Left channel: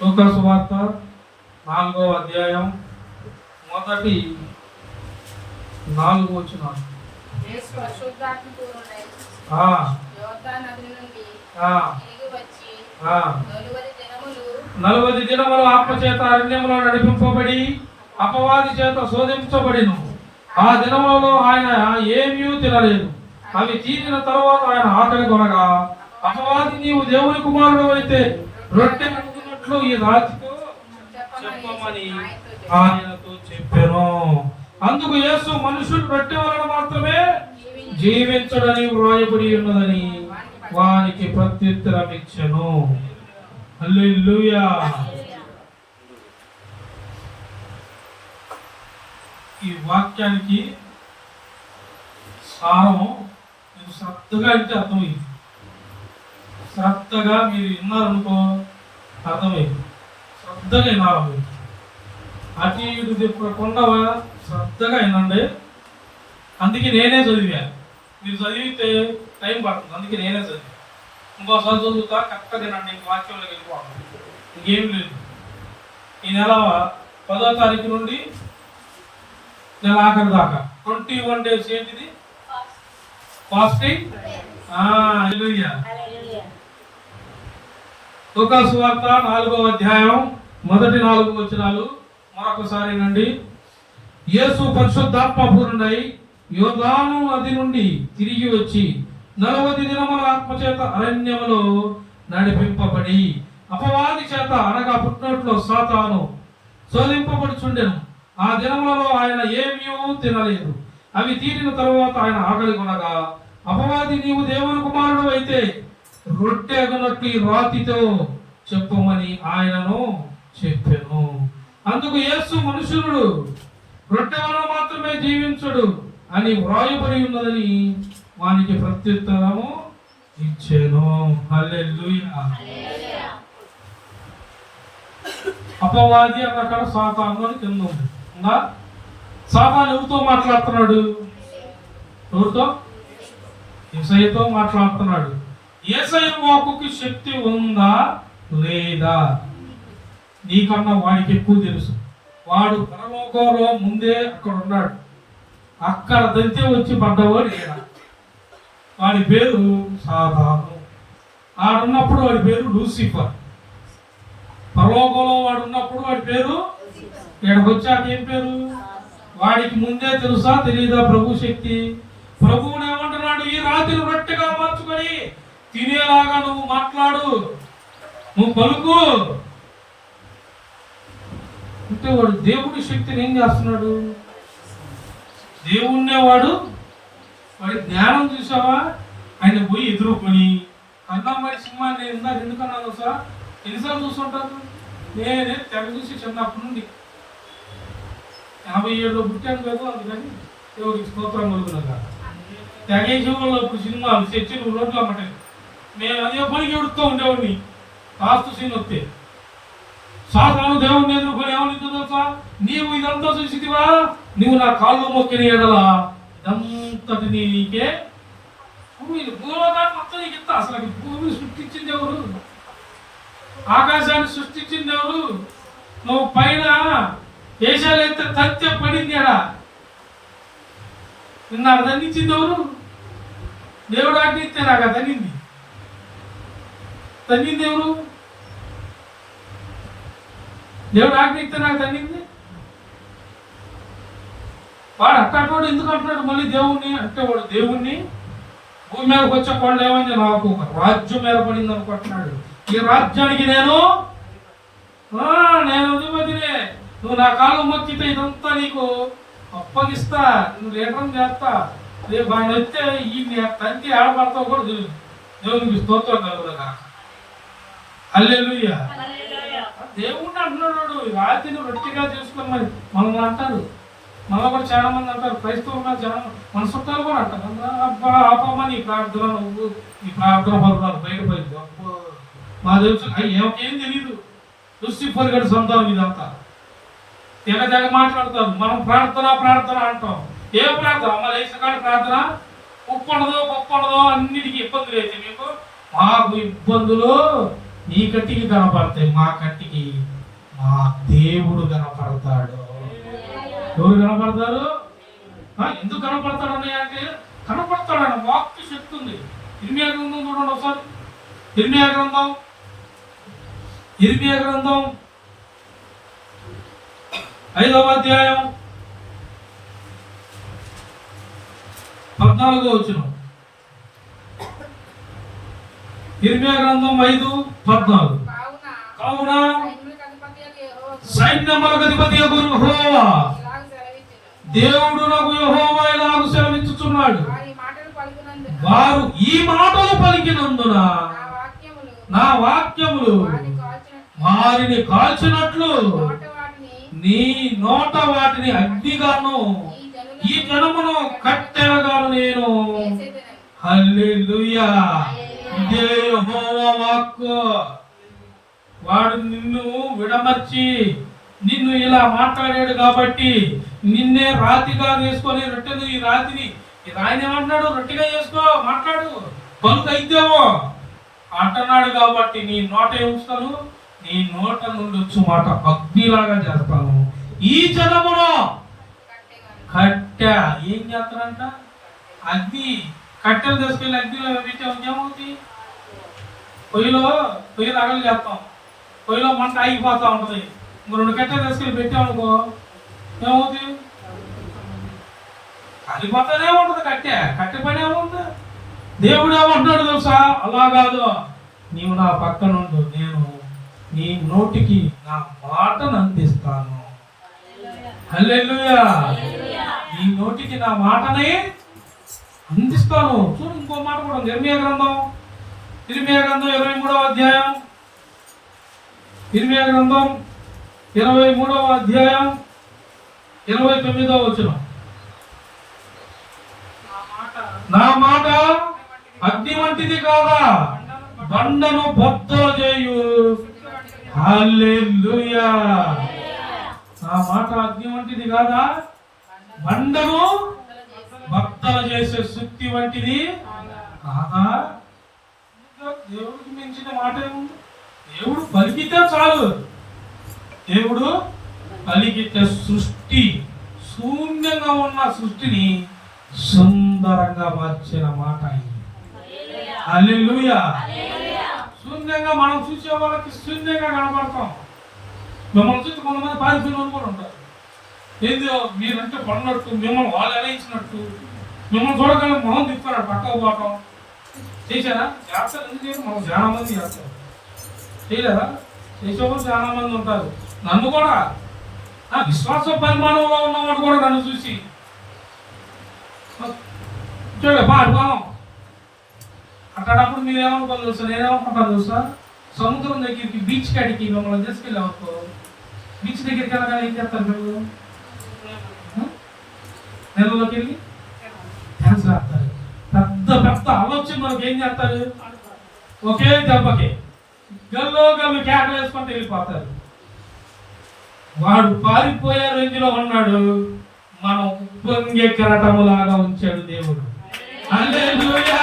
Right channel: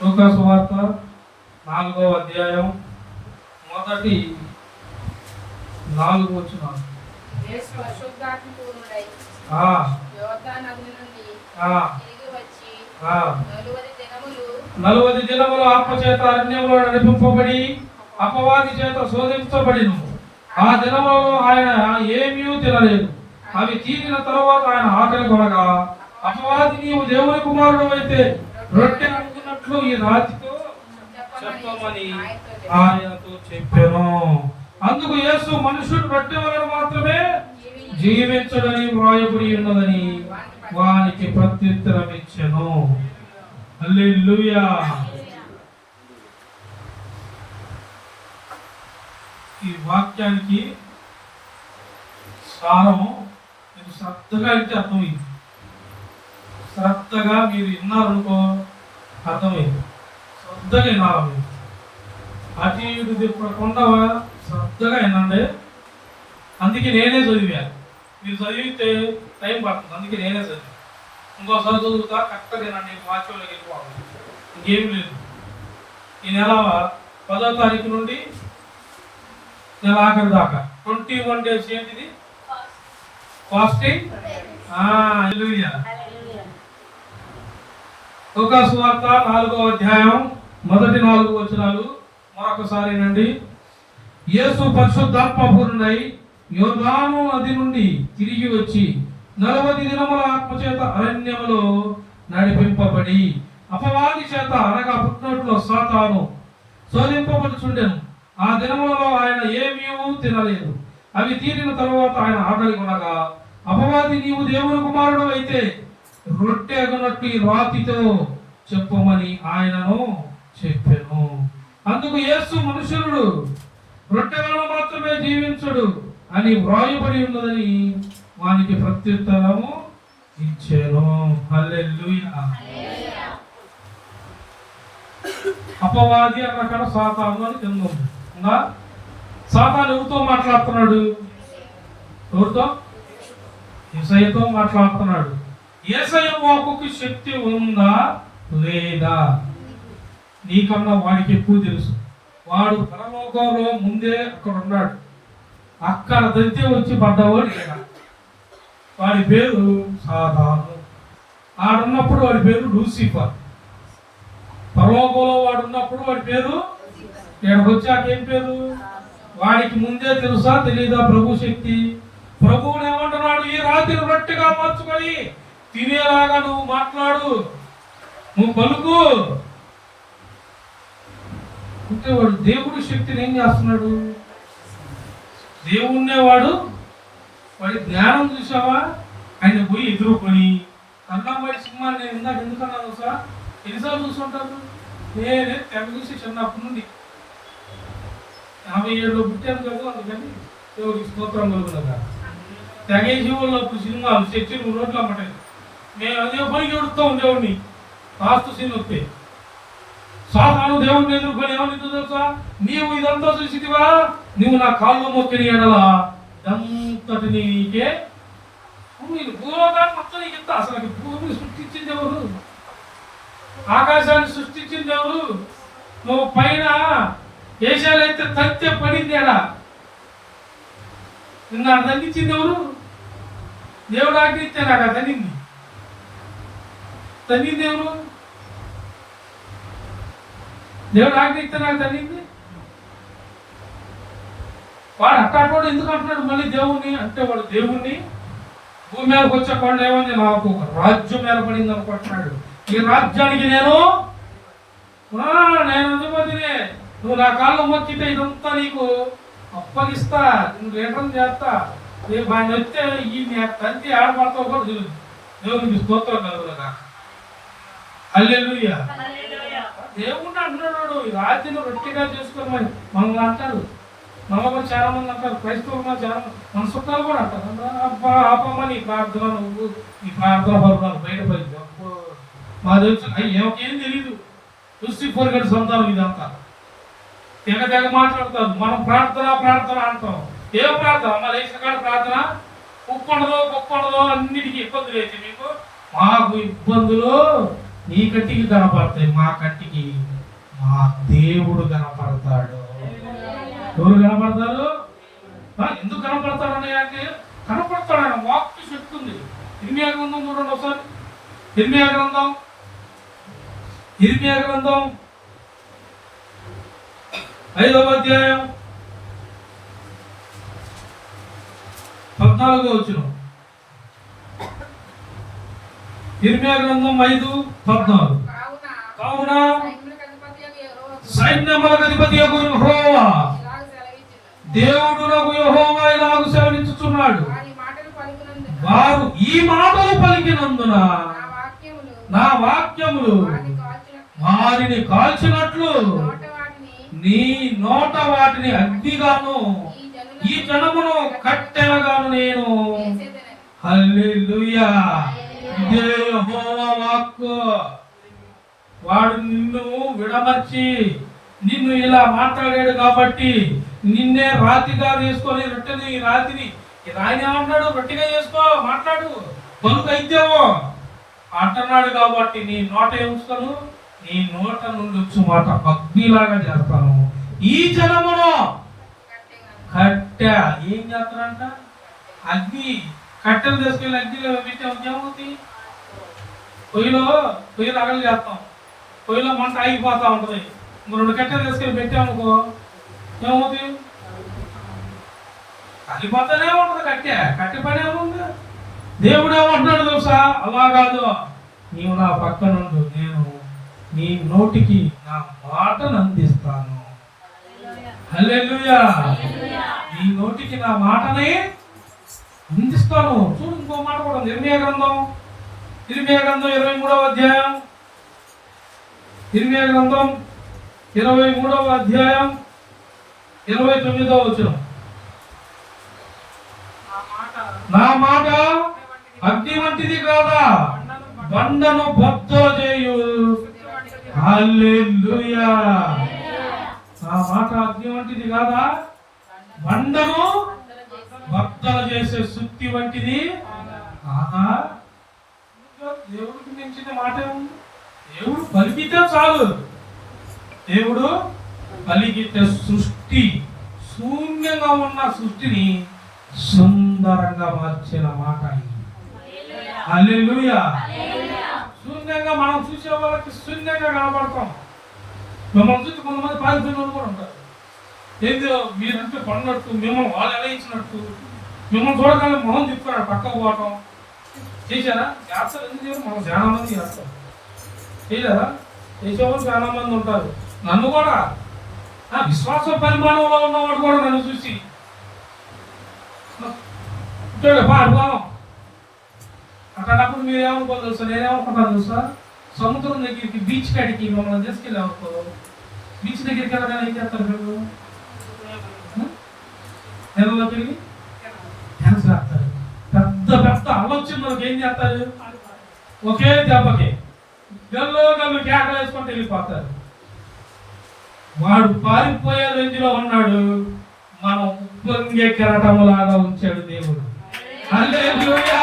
లూకా సువార్త 4వ అధ్యాయం మొదటి 4 వచనాలు. నలువది దినములు ఆత్మ చేత అరణ్యంలో నడిపింపబడి అపవాది చేత శోధించబడిను. ఆ దినములలో ఆయన ఏమీ తినలేదు. అవి తీరిన తర్వాత ఆయన ఆకలి కొనగా, అపవాది నీవు దేవుని కుమారుడు అయితే రొట్టె అడుగుతున్నట్లు ఈ రాతితో చెప్పమని ఆయనతో చెప్పాను. అందుకు యేసు మనుషుడు రొట్టె వలన మాత్రమే జీవించడని వ్రాయబడి ఉన్నదని వానికి ప్రత్యుత్తరం ఇచ్చెను. హల్లెలూయా. ఈ వాక్యానికి సారం మీరు శ్రద్ధగా అంటే అర్థమైంది. శ్రద్ధగా మీరు విన్నారనుకో అర్థమైంది. శ్రద్ధగా వినాలి. మీరు అటు ఇటు తిప్పకుండా శ్రద్ధగా వినండి. అందుకే నేనే చదివా. మీరు చదివితే టైం పడుతుంది. అందుకే నేనే చదివా. ఇంకోసారి చదువుతా కరెక్ట్గా తినండి. ఇంక వాక్యంలోకి వెళ్ళిపోవాలి. ఇంకేం లేదు. ఈ నెల 10వ తారీఖు నుండి నెల ఆఖరి దాకా 21 days ఏంటిది? ఫాస్టింగ్. లూకా సువార్త 4వ అధ్యాయం మొదటి 4 వచనాలు మరొకసారి నండి. యేసు పరిశుద్ధాత్మ పూర్ణుడై యోర్దాను నది నుండి తిరిగి వచ్చి 40 దినముల ఆత్మచేత అరణ్యములో నడిపింపబడి అపవాది చేత అనగా పుట్టినట్లో సాతాను శోధింపబడుచుండెను. ఆ దినములలో ఆయన ఏమీ తినలేదు. అవి తీరిన తరువాత ఆయన ఆకలి కొనగా, అపవాది నీవు దేవుని కుమారుడు అయితే రొట్టె అగునట్లు రాతితో చెప్పమని ఆయనను చెప్పాను. అందుకు యేసు మనుషుడు రొట్టె వలన మాత్రమే జీవించుడు అని వ్రాయబడి ఉన్నదని వానికి ప్రత్యుత్తరము ఇచ్చాను. హల్లెలూయా. అపవాది అక్కడ సాతాను అని కింద ఉంది. సాతాను ఎవరితో మాట్లాడుతున్నాడు? ఎవరితో? యేసయ్యతో మాట్లాడుతున్నాడు. యేసయ్య వాక్కుకి శక్తి ఉందా లేదా? నీకన్నా వాడికి ఎక్కువ తెలుసు. వాడు పరలోకంలో ముందే అక్కడ ఉన్నాడు. అక్కడ దంతి వచ్చి పడ్డవాడు ఈయన. వాడి పేరు సాతాను. ఆడున్నప్పుడు వాడి పేరు లూసిఫర్. పరలోకంలో వాడు ఉన్నప్పుడు వాడి పేరు, ఇక్కడికి వచ్చాక ఏం పేరు? వాడికి ముందే తెలుసా తెలీదా ప్రభు శక్తి? ప్రభువుని ఏమంటున్నాడు? ఈ రాత్రి రొట్టెగా మార్చుకొని తినేలాగా నువ్వు మాట్లాడు, నువ్వు పలుకు అంటే వాడు దేవుడి శక్తిని ఏం చేస్తున్నాడు? దేవుణ్ణే వాడి జ్ఞానం చూసావా? ఆయన పోయి ఎదుర్కొని అన్నంబడి సినిమాని నేను ఇందాక ఎందుకన్నాను సార్? ఎన్నిసార్లు చూస్తుంటాను నేనే తెగ చూసి చిన్నప్పటి నుండి 87లో పుట్టాను కదా. అందుకని దేవుడికి స్తోత్రం కలుగునగా తెగే జీవుల్లో సినిమాలు చర్చలు రోడ్లు అమ్మటాయి. నేను అదే పనికి ఎడుతూ ఉండేవాడిని. లాస్ట్ సీన్ వస్తే సాధారణ దేవుడిని ఎదుర్కొని ఏమని తెలుసా? నీవు ఇదంతా చూసిదివా, నువ్వు నా కాళ్ళు మొక్కిన ఎడలా ఇదంతటి నీకే భూలోకాన్ని మొత్తం నీకు ఇస్తా. అసలు భూమిని సృష్టించింది ఎవరు? ఆకాశాన్ని సృష్టించింది ఎవరు? నువ్వు పైన దేశాలైతే తంతె పడింది ఎడా నాకు దండించింది ఎవరు? దేవుడు ఆజ్ఞిస్తే నాకు దండింది. తండ్రింది ఎవరు? దేవుడు ఆజ్ఞిస్తే నాకు తండ్రింది. వాడు అట్టాడు ఎందుకు అంటున్నాడు మళ్ళీ దేవుణ్ణి అంటే? వాడు దేవుణ్ణి భూమి మీదకి వచ్చే కొండ ఏమైంది? నాకు ఒక రాజ్యం ఏర్పడింది అనుకుంటున్నాడు. ఈ రాజ్యానికి నేను అధిపతినే. నువ్వు నా కాళ్ళు మొక్కితే ఇదంతా నీకు అప్పగిస్తా, నువ్వు లీటం చేస్తా. రేపు ఆయన వస్తే ఈ తంతి ఆడపడతావు కూడా తెలియదు. దేవునికి స్తోత్రం కలుగునగా. హల్లెలూయా. దేవుణ్ణి అంటున్నాడు ఈ రాత్రిని రొట్టెగా చేసుకొని. మరి మనం అంటారు, మనలో కూడా చాలా మంది అంటారు, క్రైస్తవులు చాలా మన చుట్టాలు కూడా అంటారు, అబ్బా ఆపమ్మని ఈ ప్రార్థన నువ్వు ఈ ప్రార్థన పరురాలు బయటపడింది. అబ్బో మా తెలుసు ఏం తెలియదు. లూసిఫర్ గడి సంతానం ఇదంతా. తెగ మాట్లాడతారు. మనం ప్రార్థన అంటాం. ఏ ప్రార్థన? మా లేచిన ప్రార్థన ఉప్పు ఉండదో పప్పు ఉండదో అన్నిటికీ ఇబ్బందులు అయితే మీకు. మాకు ఇబ్బందులు నీ కంటికి కనపడతాయి, మా కంటికి మా దేవుడు కనపడతాడు. ఎవరు కనపడతారు? ఎందుకు కనపడతాడు అన్నయ్య అంటే కనపడతాడు, ఆయన వాక్య శక్తి ఉంది. ఇర్మియా గ్రంథం చూడండి ఒకసారి. ఇర్మియా గ్రంథం 5వ అధ్యాయం 14వ వచనం. ఇర్మియా గ్రంథం 5:14. కావున సైన్యములకు అధిపతియగు యెహోవా దేవుడు నాకు యెహోవా ఇలాగ సెలవిచ్చుచున్నాడు, వారు ఈ మాటలు పలికినందున నా వాక్యములు వారిని కాల్చినట్లు నీ నోట వాటిని అగ్నిగాను ఈ జనమును కట్టెలుగాను నేను. హల్లెలూయా. ఇదే యెహోవా వాక్కు. వాడు నిన్ను విడమర్చి నిన్ను ఇలా మాట్లాడాడు కాబట్టి నిన్నే రాతిగా తీసుకొని రొట్టెని ఈ రాతిని రాయిని ఏమన్నాడు, రొట్టెగా చేసుకో, మాట్లాడు, పలుకు అయితేవో అంటున్నాడు కాబట్టి నీ నోట ఉంచుతాను, నీ నోట నుండి వచ్చి మాట అగ్నిలాగా చేస్తాను. ఈ జనమును కట్టె ఏం చేస్తారంట, అగ్ని కట్టెలు తీసుకెళ్ళి అగ్నిలో పెట్టే ఏమవుతుంది, పొయ్యి రగలు చేస్తాం, పొయ్యిలో మంట ఆగిపోతా ఉంటది. ఇంకో 2 కట్టెలు తీసుకెళ్ళి పెట్టామనుకో ఏమవుతుంది, కాలిపోతానే ఉంటది. కట్టె పని ఏముంది. దేవుడు ఏమంటున్నాడు తెలుసా, అలా కాదు, నీవు నా పక్క నుండి నేను నీ నోటికి నా మాటను అందిస్తాను. హల్లెలూయా. నీ నోటికి నా మాటని అందిస్తాను. చూడు ఇంకో మాట కూడా ఉంది. ఇర్మియా గ్రంథం 23వ అధ్యాయం 23వ అధ్యాయం 29వ వచనం. నా మాట అగ్ని వంటిది కాదా, బండను బద్దలు చేయు. హల్లెలూయా. నా మాట అగ్ని వంటిది కాదా, బండను బద్దలు చేసే సుత్తి వంటిది కాదా. దేవుడికి మించిన మాట ఉంది. దేవుడు పలికితే చాలు. దేవుడు పలికితే సృష్టి శూన్యంగా ఉన్న సృష్టిని సుందరంగా మార్చిన మాట ఇది. హల్లెలూయా. శూన్యంగా మనం చూసే వాళ్ళకి శూన్యంగా కనబడతాం. మిమ్మల్ని చూసి కొంతమంది పారిపోయిన వాళ్ళు కూడా ఉంటారు. ఏదో మీరంటే పడినట్టు, మిమ్మల్ని వాళ్ళు అలయించినట్టు, మిమ్మల్ని చూడగానే మొహం తిప్పుకున్నాడు పక్కకు పోవటం చేశారా? చేస్తారు. ఎందుకు మనం చాలా మంది చేస్తారు. చేయలేరా? చేసేవాళ్ళు చాలా మంది ఉంటారు. నన్ను కూడా విశ్వాస పరిమాణంలో ఉన్నవాడు కూడా నన్ను చూసి అనుభవం అట్లాడప్పుడు మీరు ఏమనుకోవాలి తెలుసా, నేనేమనుకుంటాను తెలుసా, సముద్రం దగ్గరికి బీచ్ కాడికి మిమ్మల్ని తీసుకెళ్ళి అనుకో, బీచ్ దగ్గరికి వెళ్ళగానే ఏం చేస్తారు మీరు? నెలలోకి వెళ్ళి డ్యాన్స్ వేస్తారు. పెద్ద పెద్ద ఆలోచన ఏం చేస్తారు, ఒకే దెబ్బకి గల్లు కేకలు వేసుకుంటూ వెళ్ళిపోతారు. వాడు పారిపోయే రేంజ్లో ఉన్నాడు, మనం ఉప్పొంగే కెరటములాగా ఉంచాడు దేవుడు. హల్లెలూయా.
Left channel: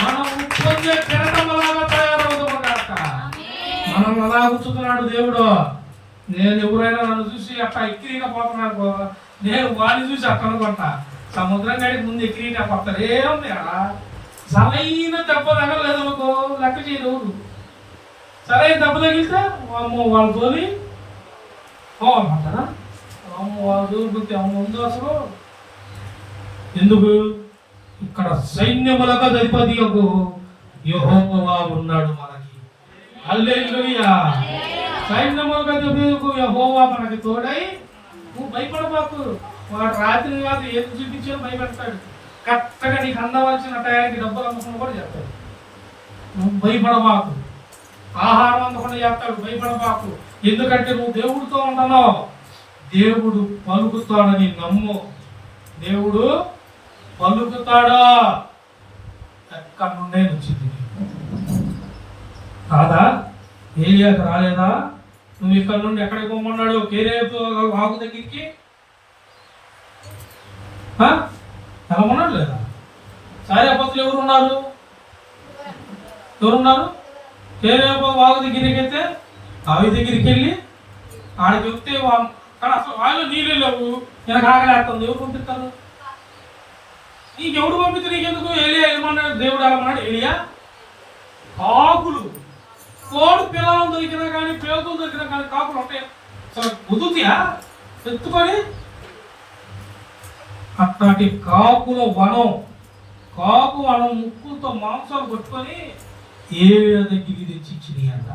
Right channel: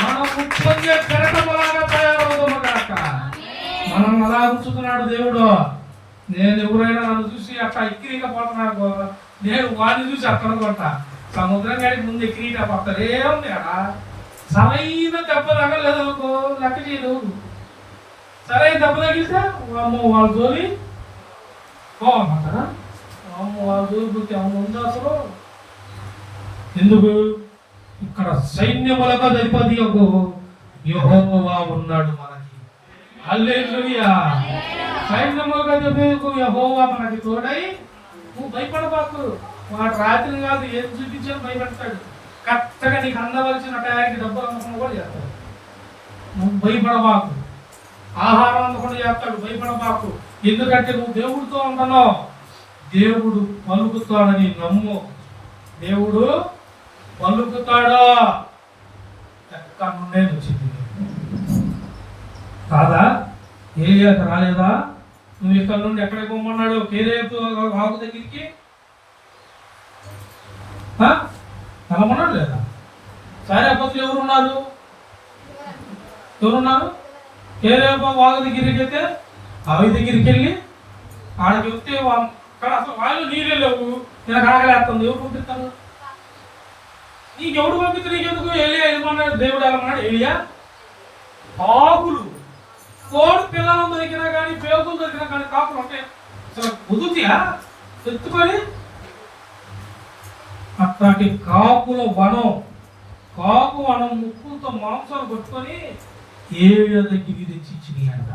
మనం ఉప్పొంగే కెరటములాగా తయారవుతాము కాక మనం అలా ఉంచుతున్నాడు దేవుడు. నేను ఎవరైనా నన్ను చూసి అట్లా ఎక్కిరిగా పోతున్నాను, నేను వాడిని చూసి అక్కడ కొంటా. సముద్రం గడికి ముందు ఎక్కిరిగా పోతారు. ఏముంది అక్కడ సరైన దెబ్బ తగలేదు అనుకో, లెక్క చేయదు. సరైన దెబ్బ తగిలితే అమ్మో వాళ్ళు తోలి పోమంటారా, అమ్మో వాళ్ళు తోలిపోతే అమ్మ ఉందా అసలు. ఎందుకు? ఇక్కడ సైన్యములకు అధిపతి యెహోవా ఉన్నాడు మనకి. హల్లెలూయా. సైన్యములకు అధిపతి యెహోవా మనకి తోడై. నువ్వు భయపడబాకు. వాడు రాత్రి కాదు ఏది చూపించాను భయపెడతాడు. కరెక్ట్గా నీకు అందవలసిన టయానికి డబ్బులు అందకుండా కూడా చేస్తాడు. నువ్వు భయపడబాకు. ఆహారం అందకుండా చేస్తాడు, భయపడబాకు. ఎందుకంటే నువ్వు దేవుడితో ఉంటున్నావు. దేవుడు పలుకుతాడని నమ్ము. దేవుడు పలుకుతాడా? ఎక్కడ నుండే వచ్చింది కాదా? ఏలియాకు రాలేదా? నువ్వు ఇక్కడ నుండి ఎక్కడికి పోమన్నాడు? కేరేపు వాగు దగ్గరికి వెళ్ళమన్నాడు లేదా? సారేపతులు ఎవరున్నారు? కేరేబో వాగు దగ్గరికి అయితే ఆవి దగ్గరికి వెళ్ళి ఆడ చెప్తే కానీ అసలు వాళ్ళు నీళ్ళు లేవు, నేను కాకలేస్తుంది, ఎవరు పంపిస్తారు? నీకెవడు పంపితే నీకెందుకు? ఎలియా వెళ్ళమన్నాడు, దేవుడు వెళ్ళమన్నాడు. ఎలియా కాకులు, కోడి పిల్లలు దొరికినా కానీ, పేగులు దొరికినా కానీ కాకులు అంటే అసలు కుదుతియా ఎత్తుకొని అట్లాంటి కాకుల వనం, కాకు వనం ముక్కుతో మాంసాలు పట్టుకొని ఏలియా దగ్గరికి తెచ్చి ఇచ్చినాయి అంట.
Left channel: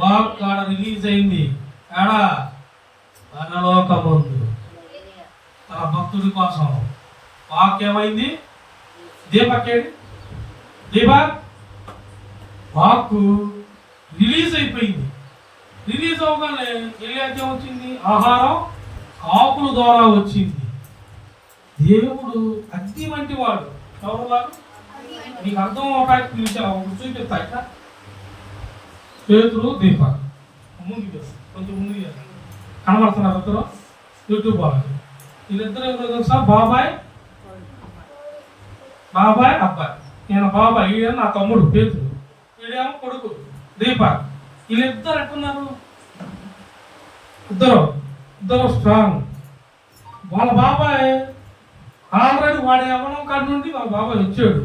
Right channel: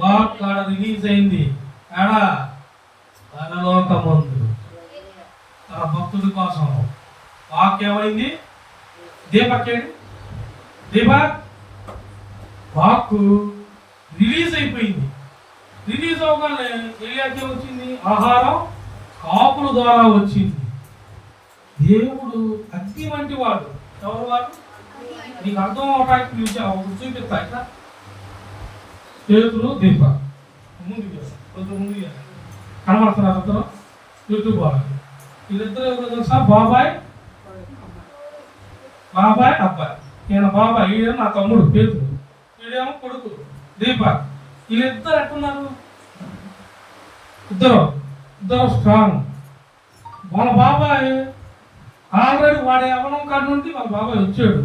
వాక్ ఆడ రిలీజ్ అయింది. ఆడా పరలోకమందు తన భక్తుడి కోసం వాక్ ఏమైంది? దీపక్కేడి దీపక్ వాక్ రిలీజ్ అయిపోయింది. రిలీజ్ అవగానే ఎలియాకి వచ్చింది, ఆహారం కాపుల ద్వారా వచ్చింది. దేవుడు అగ్ని వంటి వాడు. ఎవరు వాడు? నీకు అర్థం అవటానికి చూపిస్తా. ఇట్లా పేతురు దీపక్ ముందుకు కొంచెం ముందుకు కనబడుతున్నారు ఇద్దరు యూట్యూబ్ వాళ్ళు. వీళ్ళిద్దరు ఎవరో తెలుసా? బాబాయ్ అబ్బాయి. నేను బాబాయ్, ఈయన నా తమ్ముడు పేతురు, వీడేమో కొడుకు దీపక్. వీళ్ళిద్దరు ఎట్టున్నారు? ఇద్దరు స్ట్రాంగ్. వాళ్ళ బాబాయ్ ఆల్రెడీ వాడి ఎవరం కాడి నుండి వాళ్ళ బాబాయ్ వచ్చాడు.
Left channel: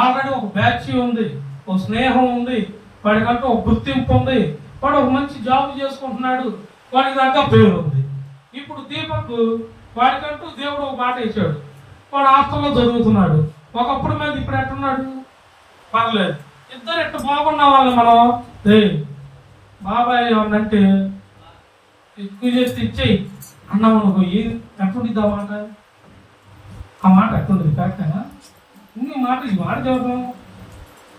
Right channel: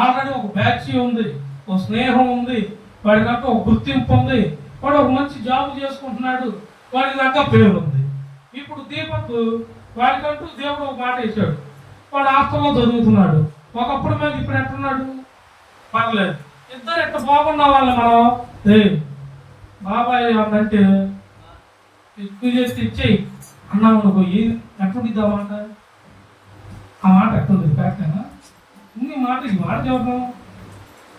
ఆల్రెడీ ఒక బ్యాచ్ ఉంది, ఒక స్నేహం ఉంది, వాడికంటూ ఒక గుర్తింపు ఉంది, వాడు ఒక మంచి జాబ్ చేసుకుంటున్నాడు, వాడికి దాకా పేరు ఉంది. ఇప్పుడు దీపక్ వాడికంటూ దేవుడు ఒక మాట ఇచ్చాడు, వాడు హాస్టల్లో చదువుతున్నాడు. ఒకప్పుడు మీద ఇప్పుడు ఎట్టున్నాడు? పర్లేదు. ఇద్దరు ఎట్ట బాగున్నా వాళ్ళని మనం బాబాయ్ ఏమన్నంటే ఎక్కువ చేస్తే ఇచ్చేయి అన్నాం అనుకో, ఎట్లుండిద్ది ఆ మాట? ఆ మాట ఎట్లుంది? కరెక్టేనా? ఈ మాట చెప్పడం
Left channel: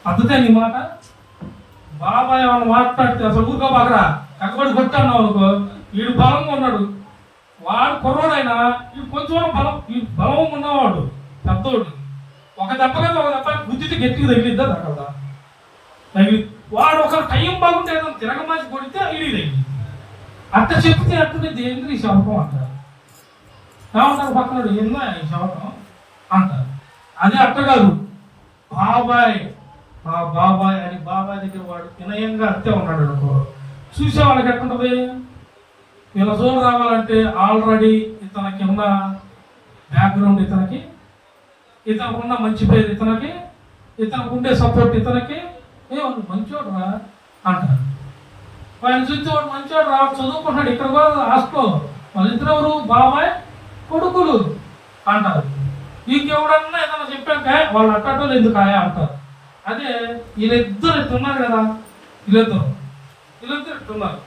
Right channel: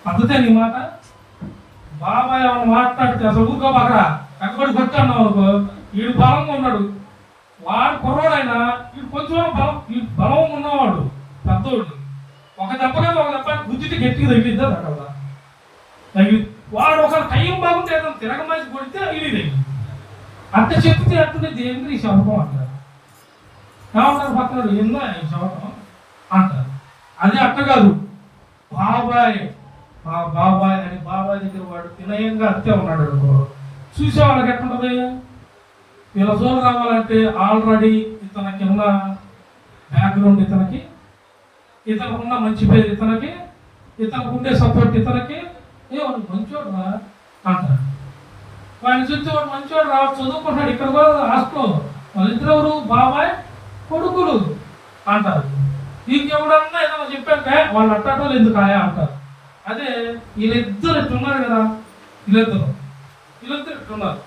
పద్ధతే నీ మాట? బాబాయ్ ఏమన్నా మాట్లాడితే అసలు ఊరుకో బాగా ఎక్కబడి కొట్టన్నావు అనుకో, వీడు బలంగా ఉన్నాడు, వాడు కుర్రాడైనా వీడు కొంచెం బలంగా ఉన్నవాడు పెద్దోడు. ఒక దెబ్బగా ఒక దెబ్బ గుద్దితే గట్టిగా తగిలిద్దా కదా తగిలి, వాడు ఒక టైం బాగుంటే తిరగమాసి కొడితే ఇది తగిలి. అట్ట చెప్తే అట్టుండే దేవుడికి ఈ శపథం అంటారు. ఏమంటారు పక్కన? ఏందా ఈ శపథం అంటారు. అది అట్ట కాదు. బాబాయ్ మా బాబాయ్ అని బాబాయ్ దగ్గర వాడు వినయంగా అత్తే ఉన్నాడు అనుకో, చూసే వాళ్ళకి ఎట్టుంటది? వీళ్ళ జోన్ రావాలంటే ఆల్రెడీ ఇతనికి ఉన్న బ్యాక్గ్రౌండ్, ఇతనికి ఉన్న మంచి పేరు, ఇతనికి ఉండే సపోర్ట్, ఇతనికి మంచోడు రా అంటారు. వాడిని చూస్తే వాడు మంచోడు రా, చదువుకుంటాడు, ఇక్కడ కూడా ఆస్కో, వాళ్ళిద్దరు ఎవరు? బాబాయ్ కొడుకులు అంటారు. ఇంకెవడన్నా ఏదన్నా చెప్పాక వాళ్ళు అట్టటోళ్ళు ఎందుకు ఆయా అంటారు. అదే వీళ్ళిద్దరు ఇట్టున్నారు కదా, వీళ్ళిద్దరు ఇట్టున్నారు.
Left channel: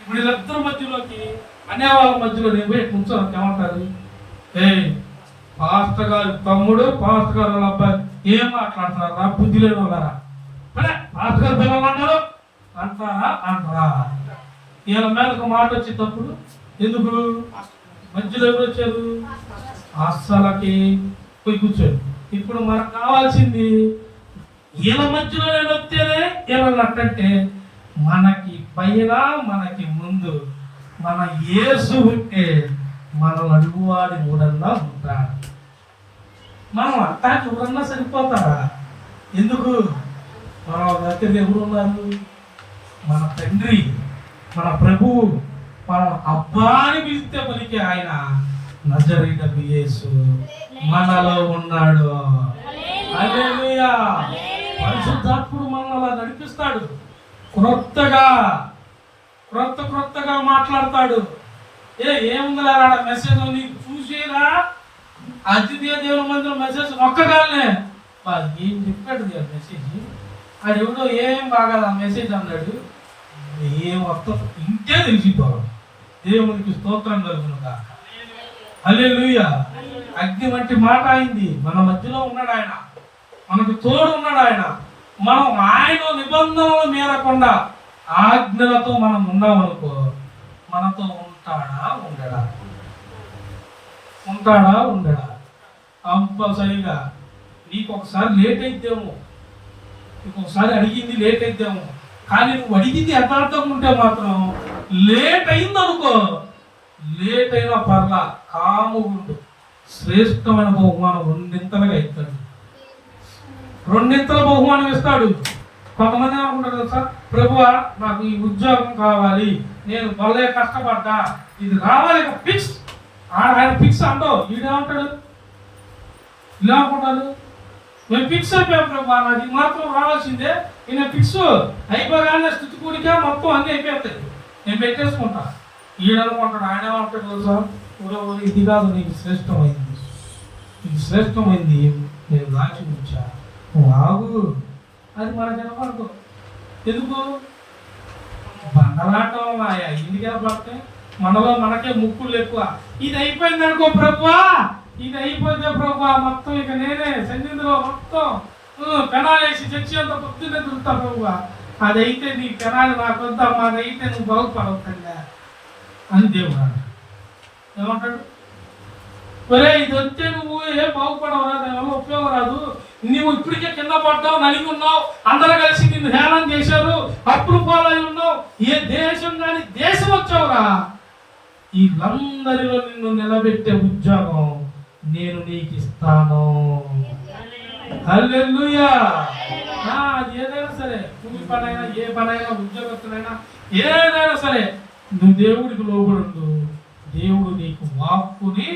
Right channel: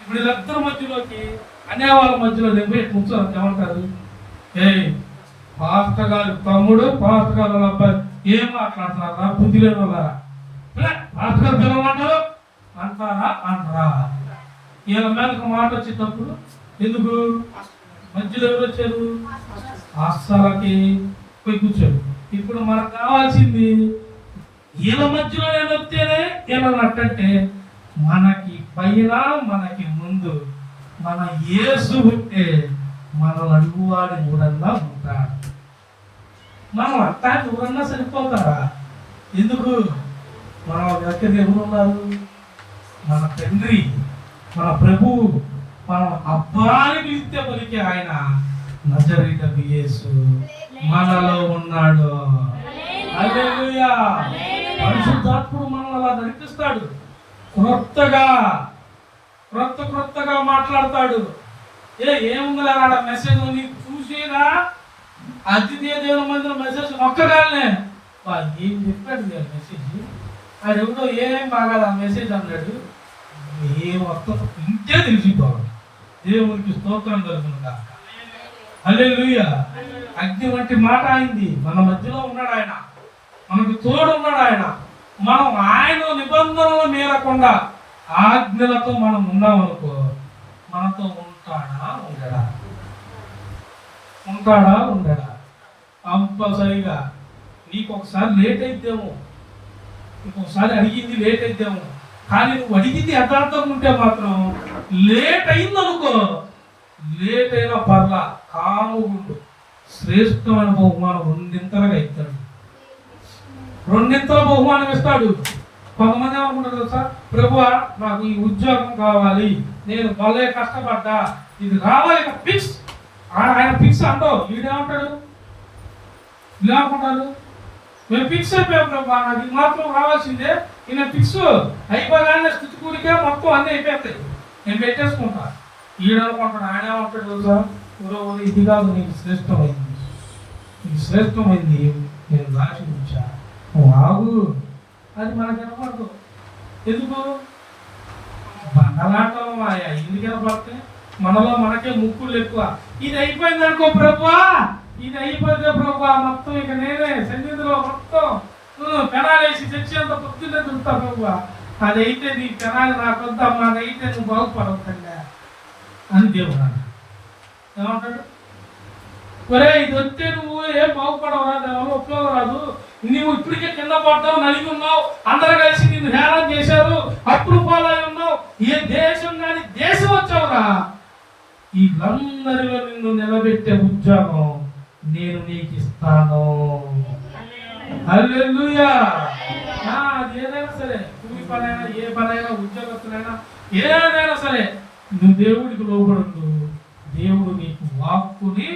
ఇప్పుడు వీళ్ళిద్దరి మధ్యలోకి అనే వాళ్ళ మధ్యలో నేను పోయి కూర్చోను, ఏమంటారు? పాస్టర్ గారు తమ్ముడు, పాస్టర్ గారు వాళ్ళ అబ్బాయి ఏం మాట్లాడుతున్నారా? బుద్ధి లేని వాళ్ళ పాస్టర్ గారు పిలవన్నారు అంటారా? వీళ్ళ మీద ఒక మాట వచ్చేటప్పుడు ఎందుకు మధ్యలో ఎవరు వచ్చారు? అస్సలకి పోయి కూర్చోడు. ఇప్పుడు మనకు కావాల్సింది వీళ్ళ మధ్యలో నేను వస్తేనే వీళ్ళని అట్టంటే మనకి పైన మనకి ముందు మన యేసు ఉంటే మనం అడుగువాడి ఊరన్నా ఉంటాడు. మనం అట్టాకి ఊరన్నా సరిపోతారా? ఎందుకు? మన దగ్గర ఎవరు ఉన్నారు? మన తండ్రి, మన ప్రభువు, మనం అబ్బాని పిలిస్తే పలికే ఆయన నజరేయుడగు యేసు మనలో ఉన్నాడు. హల్లెలూయా. పరిశుద్ధాత్ముడు మనల్ని అలా నడిపిస్తాడు. క్రొత్తగా మాట్లాడతాడు. ఏముందిలే ఆడ మెసేజ్ నీకు చూసేనా? అతిథి దేవుని మందిర మెసేజ్ ఒక్కగానే ఏం చెప్పాడు మెసేజ్, అది ఎవడో ఏం బాగా మెసేజ్ అన్నాడు, ఏం అర్థం ఇంతే తెలిసిపోవాలి. దేవునికి స్తోత్రం కలుగునుగా. హల్లెలూయా. అగ్ని వంటి మాట అయింది. మన మధ్యలో ఉన్నాడు ఆయన, మనకు తోడు ఉన్నాడు ఆయన. మనం ఆయన నిబంధనలు మీరకుండా ఆజ్ఞలతో మనం ఉన్నామనుకో, మనతో ఉంటాడా ఉండడా? కంపల్సరిగా నీకు ఒకసారి లేట్ అయితేమో, నీకు ఒకసారి అడిగింది లేట్ అయితేమో, కానీ నువ్వు అడిగింది యథార్థంగా ఉంటే మాత్రం లేట్ అయిందనుకో, లేట్ అయినా పర్లా, కాము ఉండు. శ్రేష్టమైన బహుమానం రెండింతలుగా ఇస్తాడు. రెండింతల బహుమానం ఇస్తాడు. కొంతమంది ఏమనుకుంటారు తెలుసా, ప్రభువా నాకు ఈ ఉద్యోగం కావాలి, నేను భలే కష్టపడ్డా, ఇది రావాలి ఫిక్స్. ఆయన ఫిక్స్ అంటో వీడేమంటాడు, ఇలా అనుకుంటాడు, మేము ఫిక్స్ అయిపోయాం ప్రభా, నాకు ఇది మాత్రం రావాల్సిందే, నేను ఫిక్స్ అయిపోగానే స్థితి కూడిక మొత్తం అన్నీ అయిపోతాయి, నేను పెట్టేసుకుంటా. ఈడనుకుంటాడు, ఆయన ఏమంటాడు తెలుసా, ఇది కాదు నీకు శ్రేష్టమైంది, ఇది శ్రేష్టమైంది, నేను రాసి ఉంచా, నువ్వు ఆగు. అది మనకి వినపడదు. ఎందుకు? బండలాటం మాయా ఇంటికి వినపడతాయి, మనలో మనకే ముక్కులు ఎక్కువ. ఇది అయిపోయింది అనుకో ప్రభువా, ఇది అయిపోతే ప్రభువా మొత్తం ఇక నేనే సన్నిధిలో మొత్తం పెనాలేసి చచ్చేంత పొద్దున్నే దొరుకుతా ప్రభువా, అదైతే నీ పెనాలు నాకు వద్దామా, అదైతే నువ్వు బాగుపడవుతుందా అని దేవుడు ఏమంటాడు. ఒరే ఇది వస్తే నువ్వు ఏం బాగుపడవు, రాదు దానివల్ల ఉపయోగం రాదు, నువ్వు ఇప్పటికే కింద పడ్డావు, నలిగి ఉన్నావు, అందరూ కలిసి నిన్ను హేళన చేశారు, అప్పుడు పాలై ఉన్నావు, ఏ దేశం కానీ దేశం వచ్చావురా, వీళ్ళందరిలో నిన్ను నిలబెట్టే ఉద్యోగం నేను నీకు ఇస్తాను. హల్లెలూయా. అది ఏదైనా సరే, కూలి పనైనా ఏ పనైనా ఉద్యోగస్తులైనా ఏదైనా సరే, నువ్వు దేవుడికి లోబడు, దేవుడు నీకు వాక్కుని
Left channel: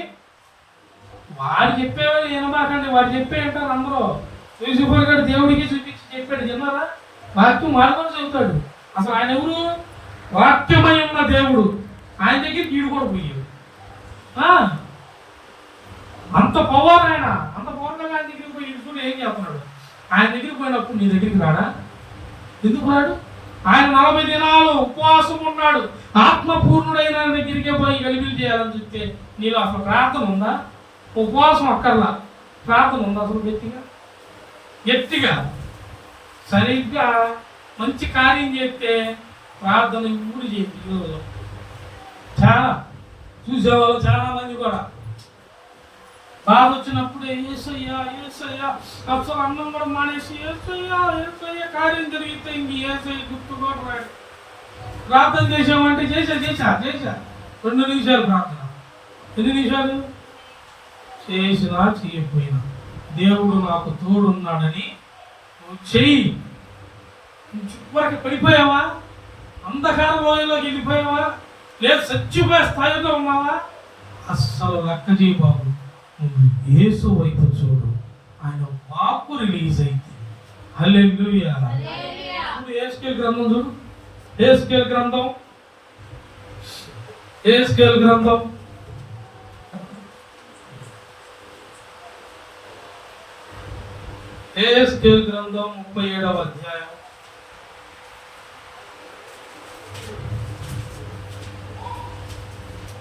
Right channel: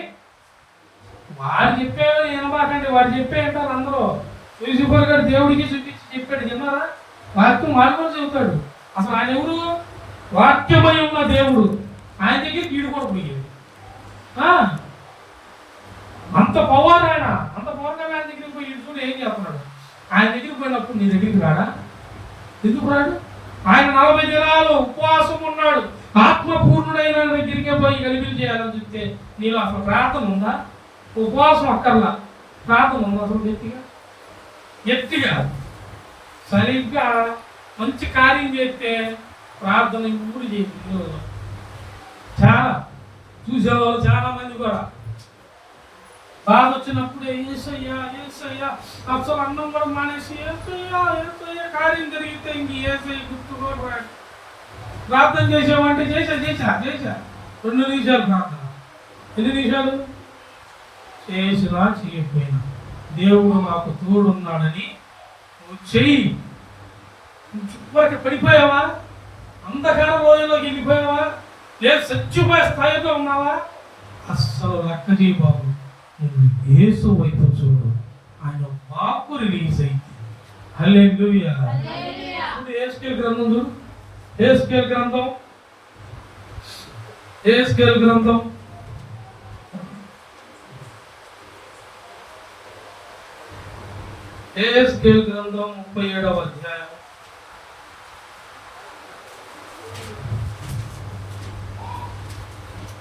వాడు చెప్పేవాళ్ళు వినబాకండి, వాడు చెప్పే అంటారు అందరూ. యూసుఫర్ గారు దేవుడికి చూపించి చెప్పాడు, విన్నారా? వాక్యం వాడు కూడా చెబుతాడు. అసలు ఆయన ఎవరు? వాక్యమై ఉన్న దేవుడు. ఆయన దగ్గర కీడు కూడా పోయాడు. అంత పవర్ ఆయన, అంత పవర్గా ఆయన దగ్గరికి పోయి ఇడుచుడు ఏం చేస్తున్నాడు? ఆయన దగ్గరికి పోయినప్పుడు నీ దగ్గరికి రాడా? ఎందుకు రాడు? ఆయన 40 దినాలు ఉపవాసం ఉన్నాడు, ఆత్మపూర్ణుడైన దగ్గరికే పోయి వెలుగులు చేయాలని చూస్తే నీలో అసలు ప్రార్థన ఉందా? ఉపవాసం అక్కర్లా, ప్రార్థన ఉందా అసలు? గట్టిగా సరిగ్గా మంచి కార్యం చేస్తే ప్రార్థన ఇప్పుడు చేయండి. ఈరోజు చాలా చూసేవాళ్ళు చాలా మంది కూడా బాధ వచ్చినప్పుడే ఏసయ్యా ఏసయ్యా, అసలు అన్నం కూడా మానేసి ఏసయ్యా ఏసయ్యా, కార్యం జరిగితే ఇంక ఏసయ్య గుర్తు కూడా రాడు. ప్రార్థన చేసామంటే చేసా 2 నిమిషాలు ప్రార్థన, 2 నిమిషాలు చేసినా చేయకపోయినా దేవుడు నాకు తోడున్నాడని నువ్వు చెయ్యి. వరకు పడిపోయావా? అంధకార రోజుల్లోకి వెళ్ళిపోయావా? లేదు చచ్చిపోయే స్థాయిలో ఉన్నావా? అస్సలు లెక్క చేయి బాబు, నువ్వు యేసు వైపు చూడు, ఆయన వాక్కు రిలీజ్ అయితే. హల్లెలూయా. ఇప్పుడు యెహెజ్కేలు గ్రంథం చూడు, యెహెజ్కేలు గ్రంథం యెహెజ్కేలు గ్రంథం 37వ అధ్యాయం.